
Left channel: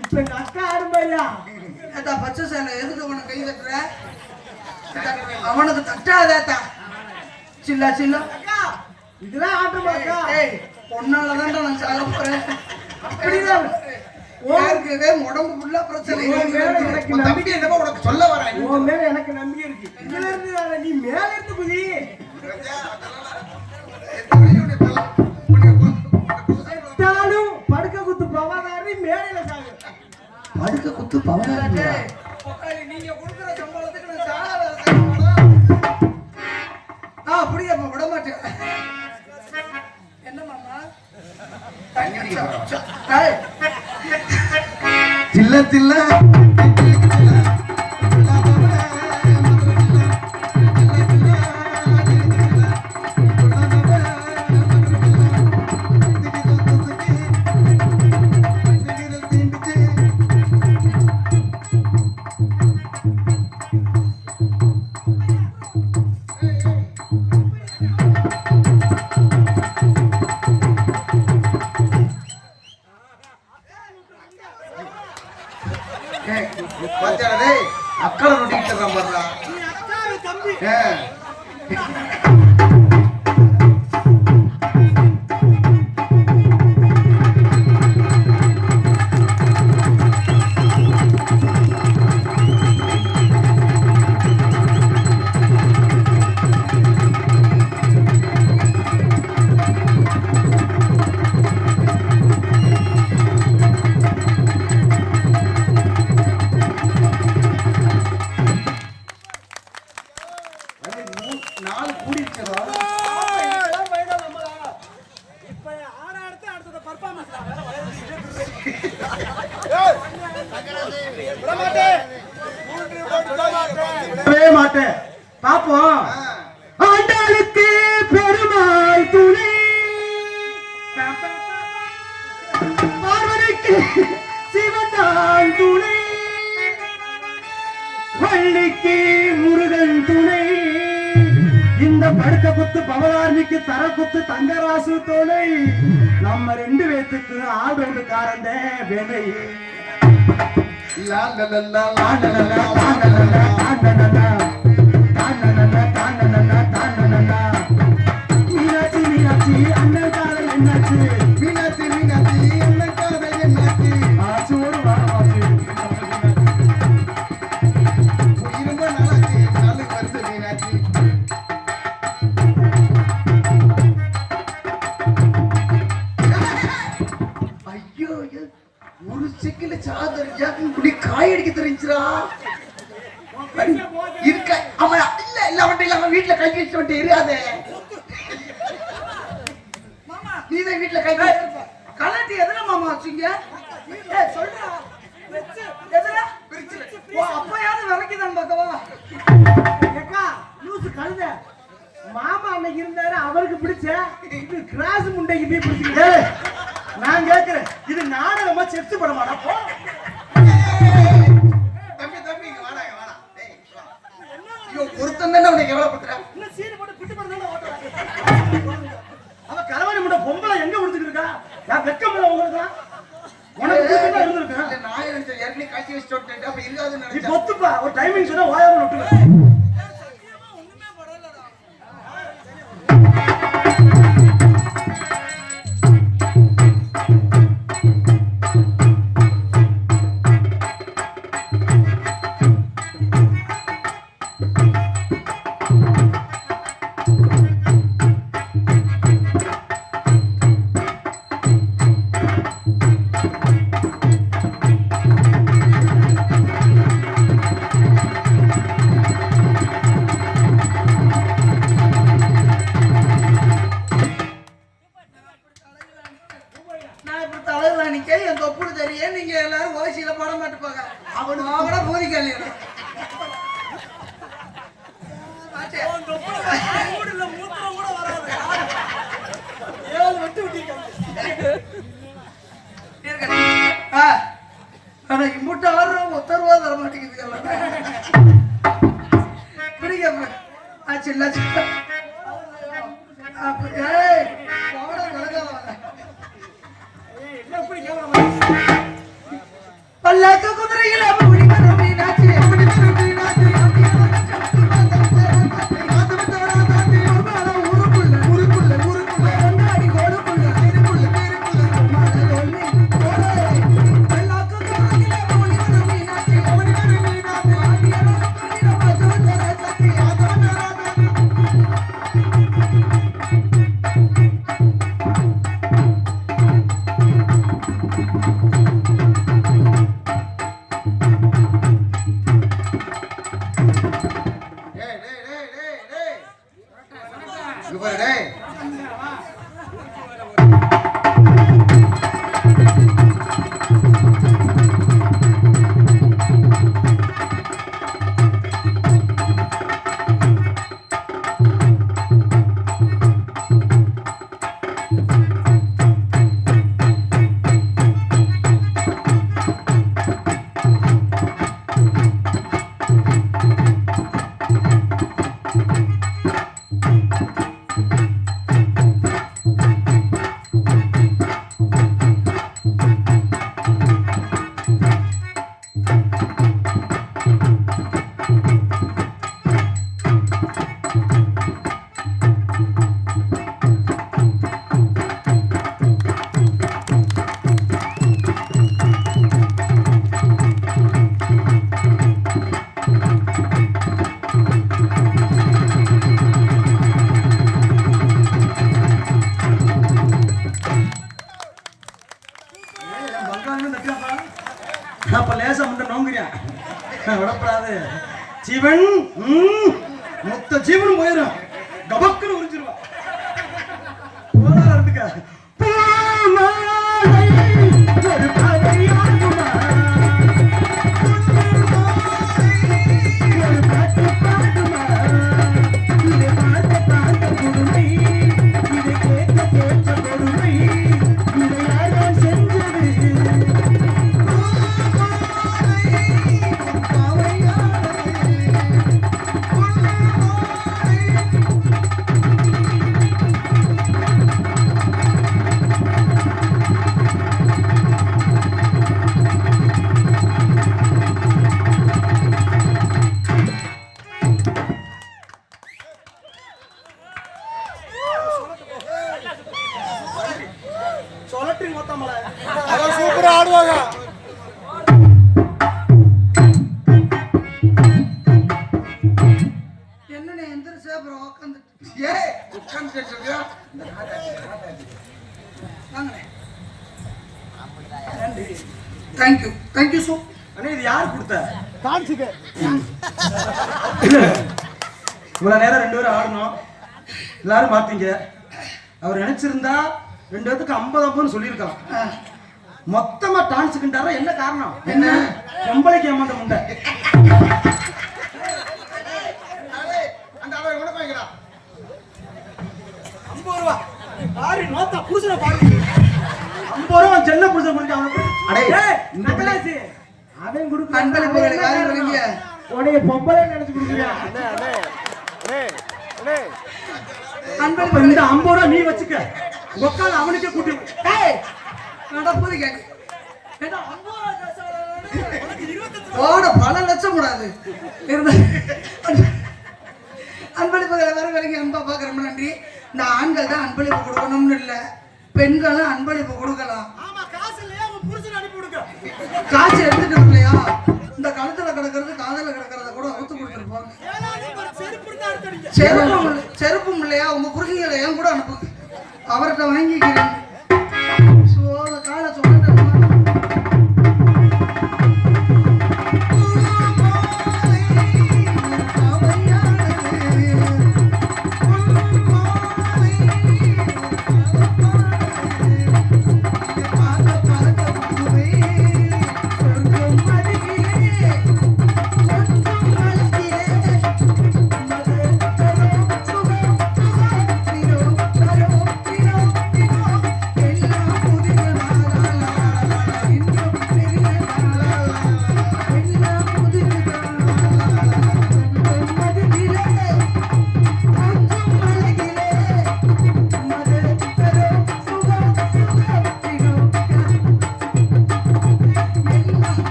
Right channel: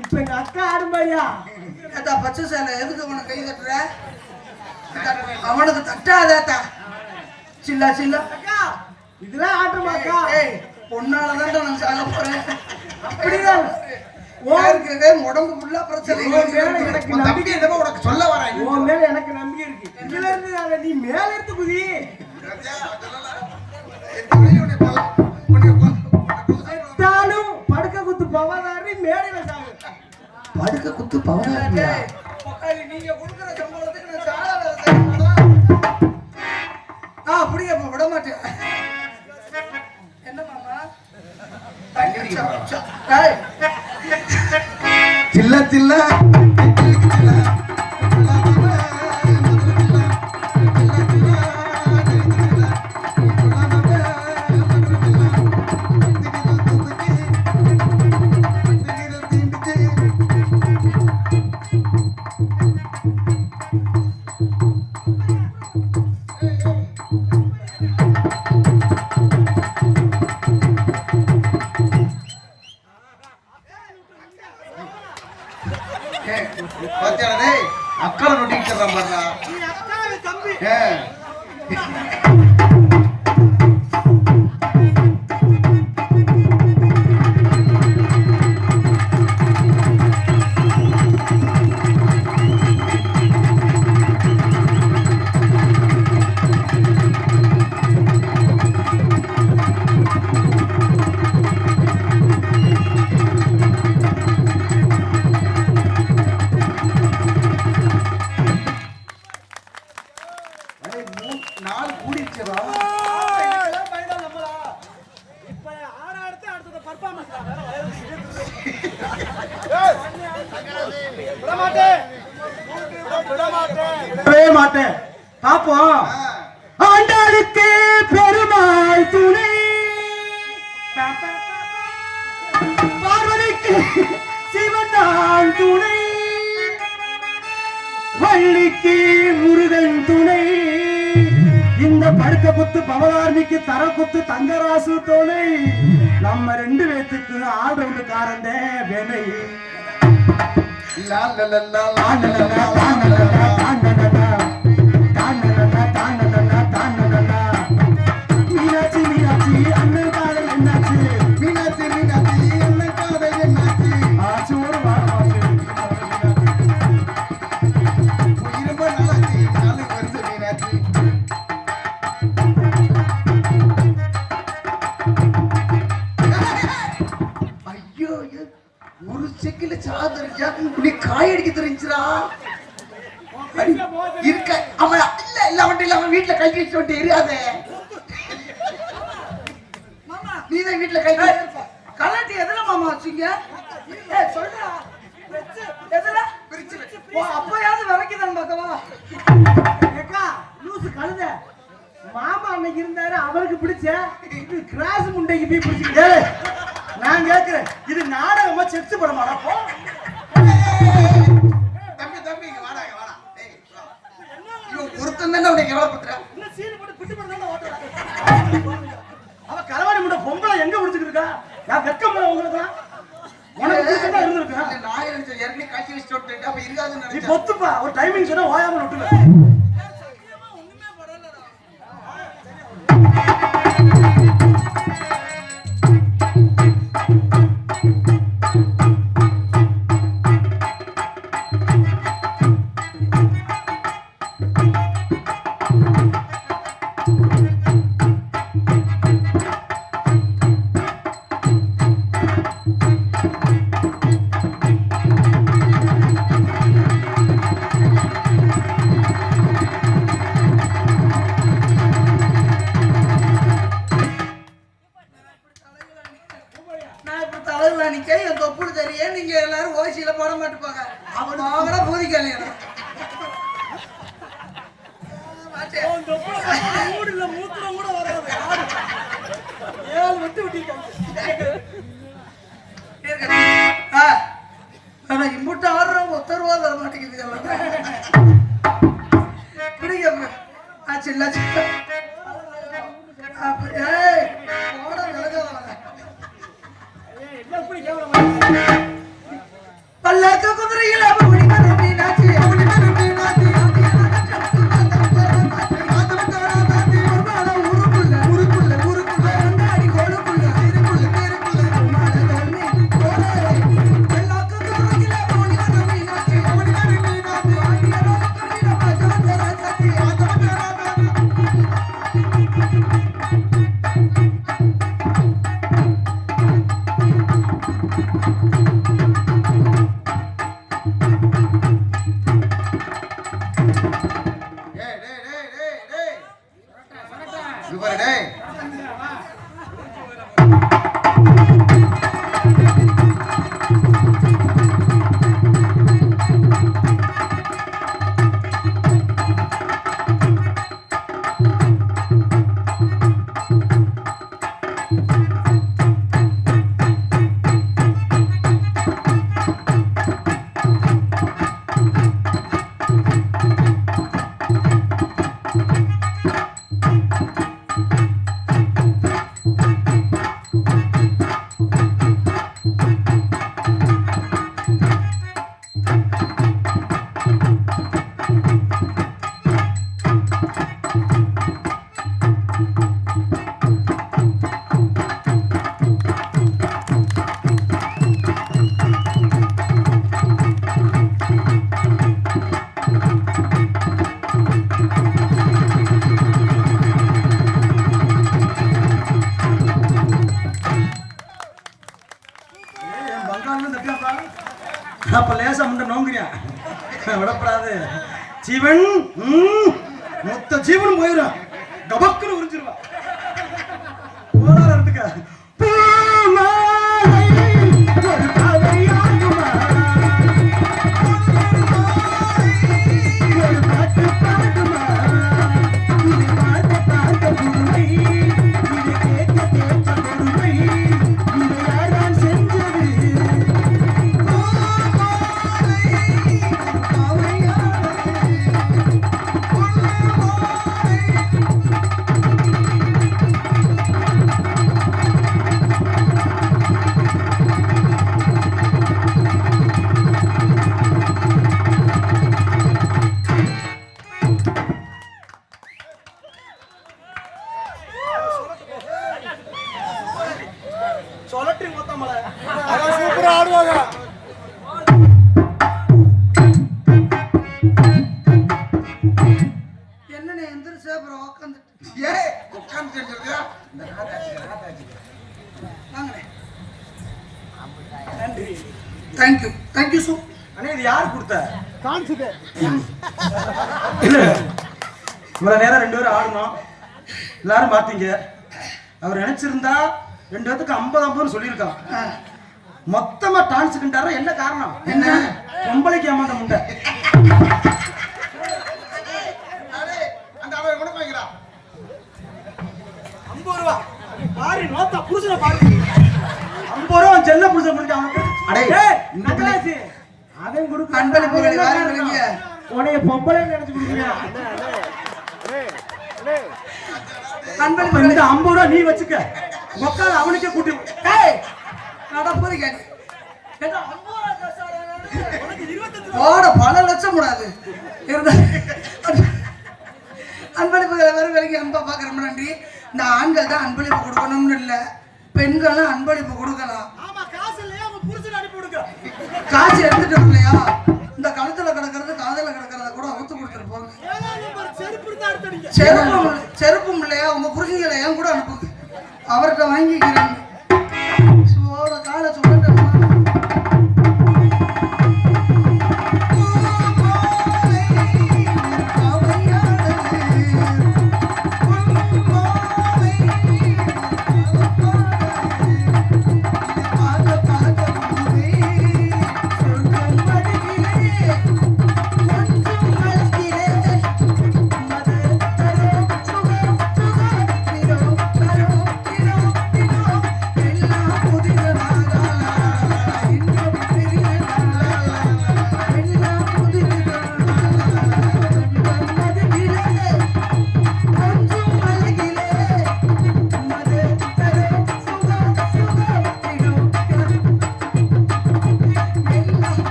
இப்ப எங்க அக்கா ஆடுமையா பச்சை சேலை எதுக்கு உனக்கு கை தட்டுற? அவனுக்கு தட்டாதா சில்லா சில்லா இதெல்லாம் ஆடுமாக்கா. பொண்ணாலதான் நான் சாக போறேன். அப்படிதான் உடம்பு ஃபுல்லா பிரச்சனை. எனக்கு நம்பிக்கை என்னமோ உனக்கு சொல்ல வரேன். உன் மேல எனக்கு நம்பிக்கை இருக்கு. இதுல இருந்து நீ மேல இருந்து குதி. படுக்க குத்து பவனாரி மேடையில சாகு. படுக்க குத்து பவனாரியா? நீங்க கொடுக்குற சம்பளத்துக்கு நான் சாக அப்படியே விட மாட்டேன். என்ன மாமா தில்ல தில்ல பாத்தியாடே அக்கறை நொட்டிக்கிட்டு பாடுறா. நீ அக்காவே தம்பி. நாலு கூடிருச்சதா? இதெல்லாம் பயந்தா நம்மளா? இப்ப ஆட அடுத்து அடுத்த பர்ஃபார்மன்ஸ் தான் வேற வளையறது. விட மாட்டேன். விடவே மாட்டேன். பாப்போம். ஆண்டாளுக்கு பெருமாள் துணை, பார்வதிக்கு சிவன் துணை, வள்ளிக்கு முருகன் துணை, இந்த படுக்க குத்து பவனார்மிக்கு தர குத்து தங்கராசு துணை, நம்ம 2 பேத்துக்கு ஆல்ரவுண்டு காரண்ட வேலை. மீனாட்சி மீனாட்சி அண்ணன் காதல் என்னாச்சு? மீனாட்சி மீனாட்சி என்ன காதல் என்னாச்சு? ஆச்சு ஒரு வாசி ரொம்ப நல்லாச்சு. நாளைக்கு வருது மீனாட்சி. ஐயோ ஐயோ, ஒரு செக்கில சாதரிச்சா இப்படி காய் அடிக்க தெரிஞ்சுரா இருக்க. அவன் இல்ல இல்ல அவன் இல்ல, அவன் வீட்டுல கை வச்சு விட்டு எரியாதே. நீதான் வீட்டுல கை வச்சு கலாட்டி எதுல மாமா வச்சீங்க? சொல்றா எதுல? அப்பயாவது விளக்கிதான் பார்க்கவா? ஏக்கா லூசு கழுத, மாமா அன்னைக்கு இருந்தாரு, அவருக்கு பிடிச்ச இது கிராஸ் முண்டைக்கு போய் பிடிச்சிருக்கு. நான் கேட்கிறேன், இது நாடகமா செத்து படமாடா? போ. தம்பி தம்பி இங்க வாடா இங்க வாடா. டேய் வா. இவன் பொருத்தம் தானே உன்னை கேவலப்படுத்துறான். இல்ல சீன் போட்டு பிட்டு பண்ணி ஓட்டுறாங்க. அவ கலவாணி முட்டை பொம்பளை எங்க முடிச்சுட்டு இருக்கா? நான் வெக்கம் போல உங்களுக்கு உனக்கு பிடிச்சதா இருந்திருக்கேன். இல்ல நான் நினைச்சேன் ஏற்கனவே காய்ச்சி வச்சு விட்டுட்டு அப்ப இருக்காதுன்னு நீ நினைச்சேன். பொத்துப்பா, ஒரு டைமிங் சொன்னா ஓயாம விட்டுருவேன். இம்புட்டு ஆடுறோம், ஒத்தருவா தர மாட்டேங்குது. பிடிக்க சின்ன பல்லாக்க குதிரையில் அப்படி மீனாட்சி அப்படி மீனாட்சி அப்ப லேசா முண்டை நோங்குறியா விடப்படாது. ஜீவன் மொத்த ஜீவன் போயிடும், கபக்குன்னு உறிஞ்சிருவா. இருந்துக்க சொலட்டி மொத்தமல சூப்பரா ஆடுவாங்க. என்னண்ணே எந்திரிச்சு அப்புறம் உட்காந்து வாங்கண்ணே. நன்றி, தேங்க்யூ தேங்க்யூ சோ. அண்ணே இது யாரு கொடுத்த டான்ஸுக்கு? இவ்வளவு நேரம் 2 பேரும் ஆடணும், எல்லாரும் பார்த்தீங்க. அவர் நினைச்சிருந்தா 2 பேத்துக்கு 50 சொல்லியிருக்கான். மொத்தமா டான்ஸுக்குண்டாரா? என்ன காரணம்? என்ன பொம்பளைக்கு ஏமாந்த முண்டை. புருஷனை பாரு 50 ரூபா செல்ல புருஷன் அவன் கொடுக்க அன்பளிப்புகளை வாரி வழங்கிய உனைய பொம்பளை நினைச்சுக்கிறீங்க. அன்பளிப்புகளை 50 ரூபா நீ வச்சுக்க, உட்கார அவனுக்கே கூட்டி நடப்பது பல லட்சம் கூடாது இருந்த அன்பளிப்புகளை வர வரைக்கும் அன்பா பாக்குறோம். நன்றி. இந்த ஆண்கள் தான் அன்பளிப்பு கொடுக்கணும்னு இல்லை, பெண்களும் அன்பளிப்பு கொடுக்கலாம். காசு எடுத்துட்டு இல்லையா, இந்த கழுத்துல கிடக்கிறது காதல கிடக்கிறத கூட அவுத்து கொடுத்துட்டு போங்க. செருப்பும் இல்லையா, உங்க புருஷங்களை ஏன் கூட அனுப்புங்க, அவர்கிட்ட வாங்கிக்கிறேன். காலை சொல்லிட்டு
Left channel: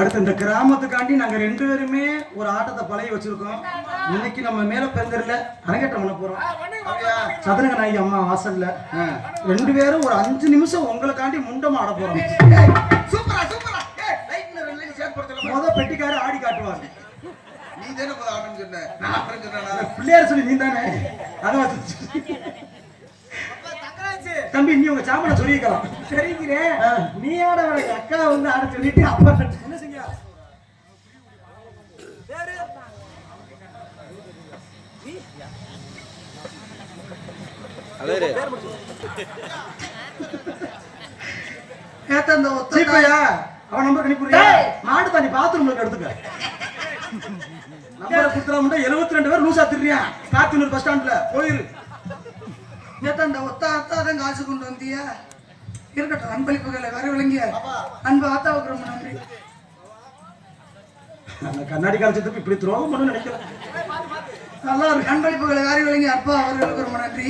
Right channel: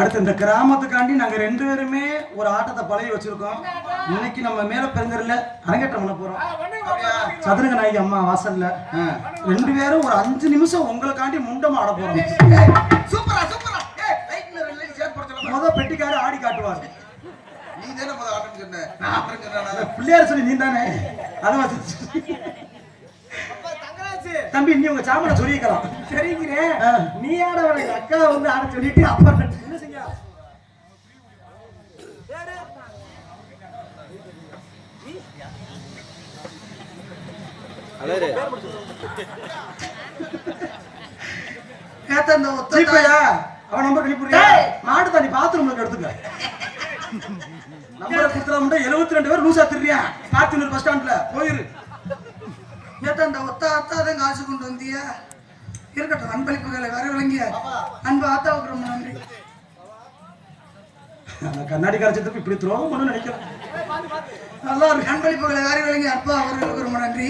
அடுத்து இந்த கிராமத்துக்காண்டி நாங்க 2 பேருமே ஒரு ஆட்டத்தை பழகி வச்சிருக்கோம். இன்னைக்கு நம்ம மேல பெருந்தரில் அரங்கேற்றம் பண்ண போறோம். சதுரங்க நாயகி அம்மா வாசல்ல 2 பேரும் ஒரு 5 நிமிஷம் உங்களுக்காண்டி முண்டமா ஆட போறோம். சூப்பரா சூப்பரா. லைட்ல ரெண்டு சேர்த்து முத பெட்டிக்கார ஆடி காட்டுவாங்க. நீ தானே முத ஆடுன்னு சொன்ன, நான் அப்புறம் சொன்னேன். பிள்ளையார் சொல்லி நீ தானே அது தம்பி, நீ உங்க சாமனை சொல்லிக்கலாம். சரிங்கிறேன், நீ ஆட அக்கா வந்து ஆட சொல்லிட்டு அப்பா என்ன செய்ய அவன் நம்பர் கணிப்புறியா? நாடு தாண்டி பாத்ரூம்ல எடுத்துக்க. நம்பர் கொடுத்துறாம 72 பேர் லூசா திரியா பாத்தூர் பஸ் ஸ்டாண்ட்ல போயிரு. அந்த ஒத்த அத்தாதான் காசு கொண்டு வந்தியா? இருக்கட்டும், அன்பளிப்புகளை வர வழங்கிய அன்பு ஆத்தாவுக்கு ரொம்ப நன்றி. கண்ணாடி காலத்துக்கு இப்படி துரோகம் பண்ணு நினைக்கிறேன். நல்லா இருக்கு. அன்பளிப்புகளை வர வழங்கிய அப்பா அவர்களுக்கு ரொம்ப நன்றி.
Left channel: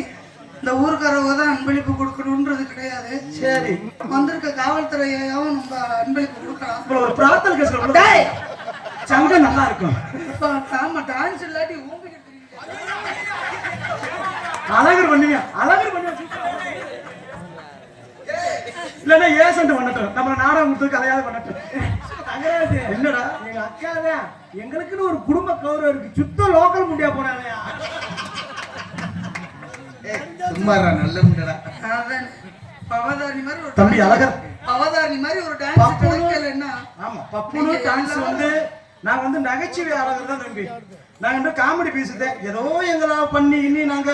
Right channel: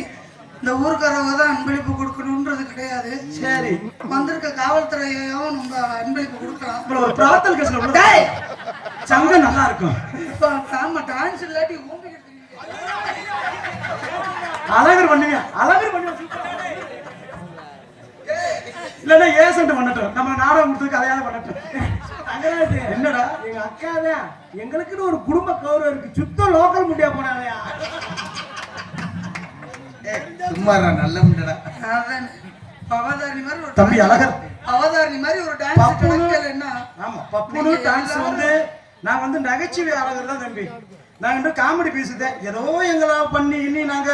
இந்த ஊருக்காரவங்க தான் அன்பளிப்பு கொடுக்கணும்ன்றது கிடையாது. சரி, வந்திருக்க காவல்துறையாவும் நம்ம அன்பளிப்பு கொடுக்கலாம். உங்களை ஒரு பிரார்த்தனை கேட்க சங்கம் நல்லா இருக்கும். ஆமா, டான்ஸ் இல்லாட்டி அழகர் பண்ணுங்க, அழகர் பண்ணுங்க. இல்லன்னா ஏசன்ட் பண்ணட்டும், நம்ம நாடகம் கொடுத்து கதையாவது பண்ணட்டும். என்னடா எங்க அக்கா தான், எங்களுக்குன்னு ஒரு குடும்ப கௌரவம் இருக்கு. சுத்த லோக்கல் முண்டியா போனாங்க. நல்ல முண்டடா. அவதாரணி மாதிரி ஒரு தம்பி அழகர், அவதாரணி மாதிரி ஒரு டான்ஸ் கிடைக்கலன்னா. ஆமா, பப்புனு டான்ஸ் வந்து நான் வந்து நகைச்சுவை அழகர் தான் தம்பி. நான் வந்து காமெடி பேசுதேன். ஏதோ எங்களை பண்ணி இன்னி நாங்க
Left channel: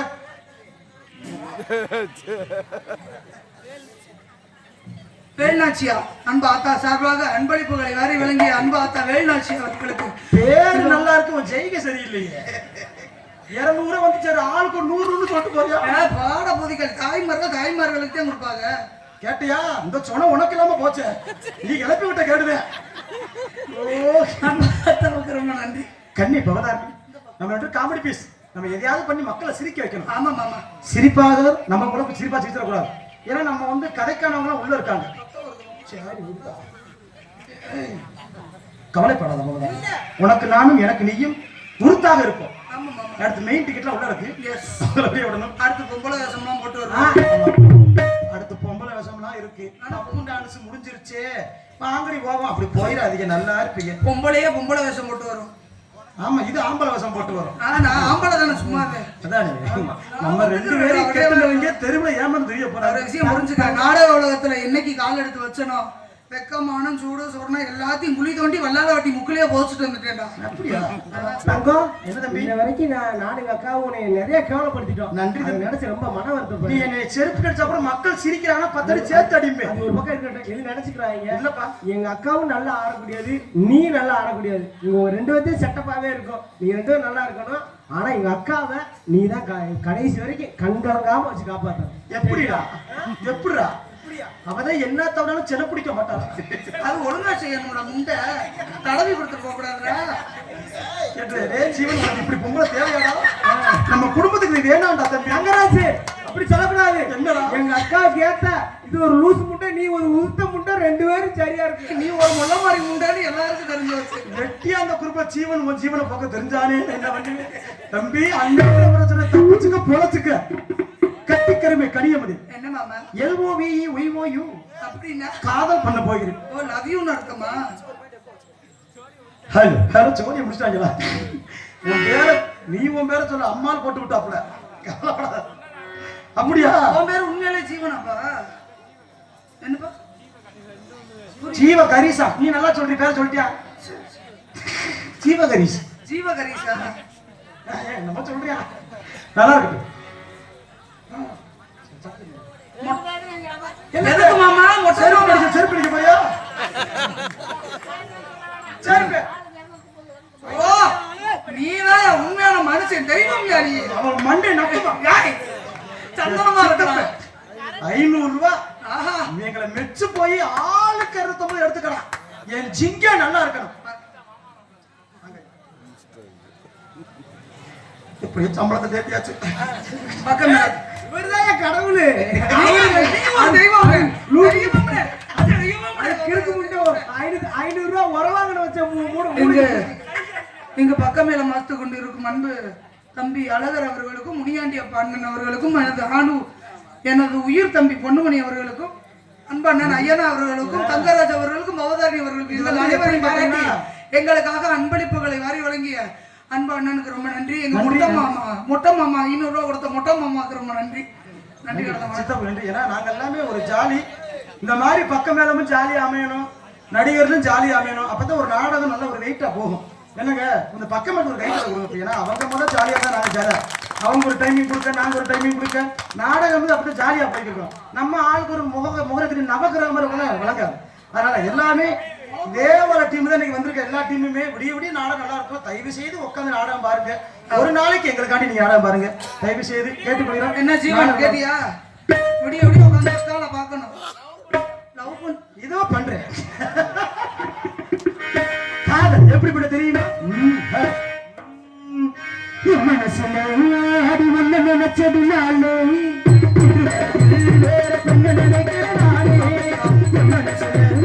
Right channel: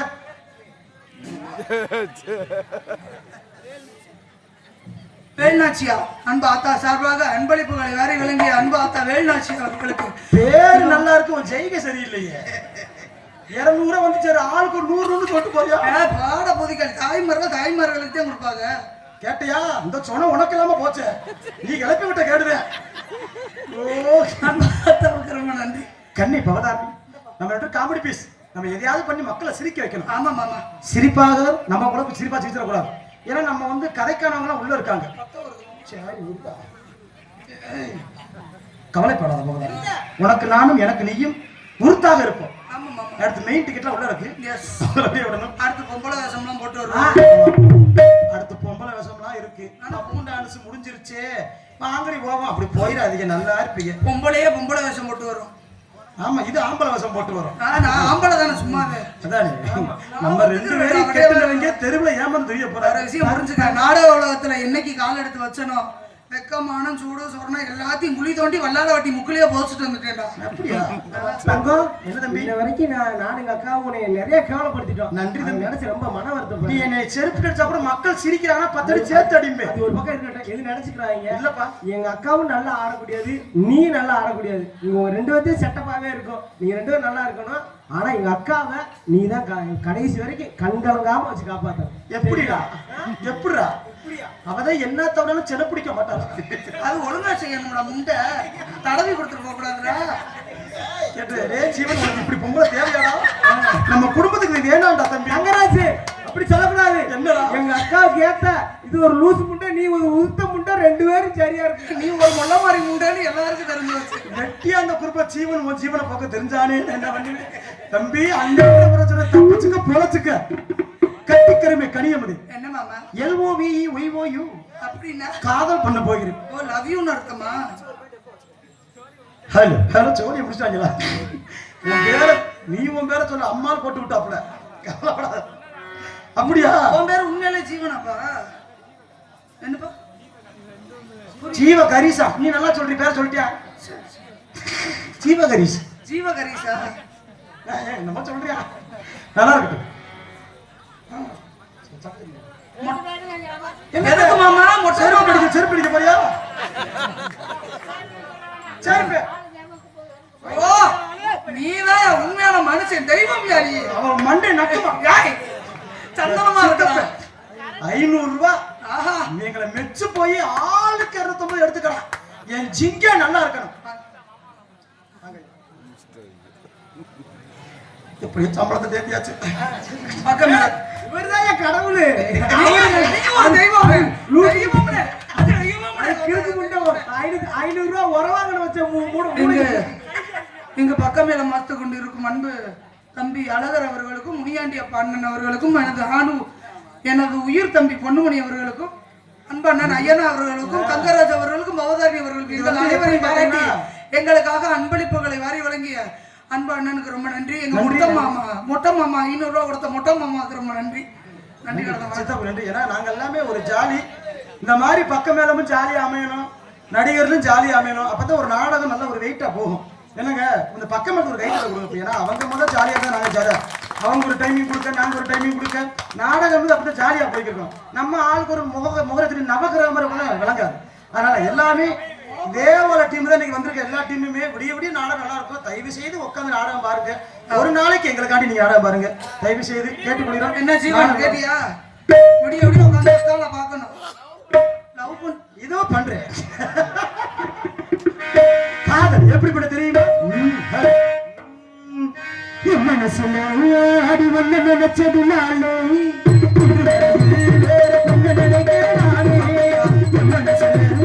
வேல்நாச்சியா அன்பு ஆத்தா சார்பாக அன்பளிப்புகளை வாரி விளங்கிய அன்பு ஆத்தா வேல்நாச்சி அவர்களுக்கு பேரு நல்லா இருக்கும், ஜெயிக்க சரியில்லையே. 200 வந்து சரி, ஆளுக்கு 100 சொல்லிட்டு போறியா? பாட பொதிகள் தாய்மார்களுக்கு தான் கொடுப்பாங்க. கேட்டியா? இந்த சொன்ன உனக்கு இல்லாம போச்சு, நீ கிளப்பி விட்ட கேடுவேன். ரொம்ப நன்றி. கண்ணி பவதாரணி, நம்ம வந்து காமெடி பீஸ், நம்ம எதையாவது பண்ணி மக்களை சிரிக்க வைக்கணும். ஆமா மாமா, சிரிப்பாக நம்ம கூட சிரிப்பா சிரிச்சிடக்கூடாது. ஏன்னா நம்ம வந்து கதைக்கானவங்களாம் உள்ள இருக்காங்க. கவலைப்படாத பவதாரணி, உனக்கு நானும் எனக்கு நீயும் உறுத்தாக இருப்போம். அடுத்து மெயின் டிக்கெட்லாம் உள்ள இருக்கு. அடுத்து பொம்பளை வேஷம்லாம் போட்டு வருவோம். அடுத்து பொம்பளை வேஷம்லாம் இருக்கு. ஆனா டான்ஸ் முடிஞ்சிருச்சு, ஆம்பளை போவோம். அப்படி போயிடாதீங்க, நல்லா இருப்பீங்க. பொம்பளையே பொம்பளை வேஷம் போட்டு வரும். ஆமா, இது ஆம்பளை வேஷம் போட்டு வரும். நான் ஆம்பளை தானே, சும்மாவே. அதானே, நம்ம 2 பேரும் கேட்டவங்க தெருவில் ஏமாந்து தெரிய போறாரு. விஷயம் புரிஞ்சுக்க. நாடக உலகத்துல என்னைக்கு கால் எடுத்து வச்சனோ, வெக்கமானம் சூடு சொரணை எல்லாத்தையும் குழி தோண்டி வல்லாத வாட்டி முக்கிலேயே போச்சுட்டு வந்துட்டேன்டா. அப்படியா தங்கம்? என்ன தம்பி, இந்த வரைக்கும் நான் எங்க அக்காவும் உன்னை நிறைய கேவலப்படுத்திட்டோம். நன்றி தம்பி. நினைச்சு ரொம்ப மன வருத்தம். நீ என்னை செருப்பு கடிச்சா கூட மக்கள் சிரிக்கிறாங்கன்னா 10 அடி சேர்த்து அடிம்பே. அது ஒரு பக்கம் இருக்கட்டும், எது நினைச்சுக்கிறாங்க இல்லப்பா, எங்க அக்காவும் நல்லா ஆடக்கூடியது, நீ நல்லா ஆடக்கூடியது. நீங்க 2 பேர்த்தையும் செட்டப்பாவே இருக்கும். நீங்க 2 பேரும் நல்லா இருக்கணும். ஆனா எங்க அக்காவை நீ தான் கடைசி வரைக்கும் கண்கலங்காம வச்சு காப்பாத்த. எப்படிடா? எப்படிடா? அவதான் என்ன தவிராலும் செல்ல பிடிக்க மாட்டாங்க. அது ஒழுங்கா செய்யணும்டா. முண்டை தடவி கொடுத்துட்டு போக கூடாதுடா. ஜீவன் இப்படி பொம்பளை தேவையாடா? நம்ம குடும்பத்துக்கு நீ வேணாம்டா தம்பி. அங்கராஜ் அப்படி சொல்லக்கூடாது. என்னடா? எங்க அக்காவுக்கு ஏத்த இது ஒரு லூசு முண்டை, நீ ஒரு உருத்த முண்டை, 2 பேரும் சரியா இருக்கு. நீ ஒரு முள்ள மாதிரி முண்டைன்னு எல்லாருக்கும் தெரிஞ்சு வச்சு வெட்டியா அந்த குடும்ப ஜீவன் ஜீவனை பக்கம் தெரிஞ்சானே என்ன பண்ணுவேன் தம்பி. அந்த பிரச்சனை தப்பிச்சுக்க பொழைச்சுக்க. கட்டிக்கருமை கனியமதி. என்ன மாமா? LOVEYOU அப்படின்னா காதல் பண்ண போகிறேன். ஓ, லவ் யூன்னு அர்த்தமா? ஹலோ ஹலோ, சோனியை முடிச்சிட்டாங்களா? உன் பேர சொல்ல, அம்மான்னு போட்டு விட்டாப்புல. அப்படியா? உன் பேர் உண்மையிலே ஜீவனப்பா? என்னப்பா? ஜீவ கரீசா. நீ நல்லா சொல்றீ, பேர சொல்லிட்டியா? ஜீவ கரீஸ். ஜீவகரீஷா என்னமா சொல்றியா? நல்லா இருக்கு. எதுக்கு மாமா செருப்பு அடிக்க போறியா? செருப்பு. ஓ, நீதான் உண்மையான மனுஷன், தெய்வம் யாரி. அவன் மண்டை நக்கமா. சந்தனமா இருக்க. 500 ரூபாய். ஆஹா, நீங்களை மெச்சு போய் ஆளுக்கு 250 எடுத்துக்கலாம். என் ஜிங்க நல்லா இருக்கணும். இப்படி சம்பளத்தை தேர்த்தியாச்சு. பக்கம் இவர்தான் கடவுள். இங்க பக்கம் மேல மாத்து கொண்டு இருக்கும் அன்பு தம்பி அழகர் அவர்களுக்கும், முனியாண்டி அண்ணன் அவர்களுக்கும், எனது உயிர் தம்பி பொன்னுமணி அவர்களுக்கும், அன்பண்ணன் ஐயனா அவர்களுக்கும், தங்கராஜ் அவர்களுக்கும், பவதாரி அவர்களுக்கும், எங்கள் அனைவரையும் பாராட்டி எங்களுக்காக அன்பளிப்புகளை வாரி வழங்கிய அன்பு அண்ணனுக்கு ரொம்ப நன்றி. எங்க மொட்டை மாமா 500 ரூபா கொடுத்த மொட்டை மாமாவுக்கு ரொம்ப நன்றி. நன்றி நன்றி. ஏன்னா நாங்க எல்லாமே ஒரு ஜாலி. இந்த மாதிரி பக்கம் மேலமும் ஜாலியா அமையணும், நடிகர்களும் ஜாலியா அமையணும். அப்பதான் ஒரு நாடகம் நல்ல ஒரு வெயிட்டா போகும். என்னங்க, இந்த பக்கம் ஒரு கைட் கொடுக்கும். ஏன்னா அவங்க முதல்ல ஜாலியா தான் நாங்க ஜாலியா, அவங்க ஒரு டைமிங் கொடுக்க, நாங்க ஒரு டைமிங் கொடுக்க, நாடகம் வந்து அப்படியே ஜாலியா போய்க்கிறோம். நம்ம ஆளுக்கு ஒரு முகத்தின் நவகிராமர் விளங்காது. அதனால எல்லாமே இதே ஒரு டீம் தான் நீங்க வந்திருக்க. எல்லா டீமுமே விடிய விடிய நாடகம் நல்லா இருக்கும். தயவு செய்து உட்காந்து நாடகம் பாருங்க. ஒரு நாளைக்கு எங்களுக்காண்டி நீங்க நாடகம் பாருங்க, தயவு செய்து கேட்டுக்கொள்கிறோம். என்ன ஜீவன் கேட்டியா? விடிய விடிய உட்காந்து பார்க்கணும். லவ் பண்ண இதோ பண்றேன். காதல் எப்படிப்பட்ட தெரியுமா? மனசுல அடி ஒண்ணு நினைச்சதுனால மனசுல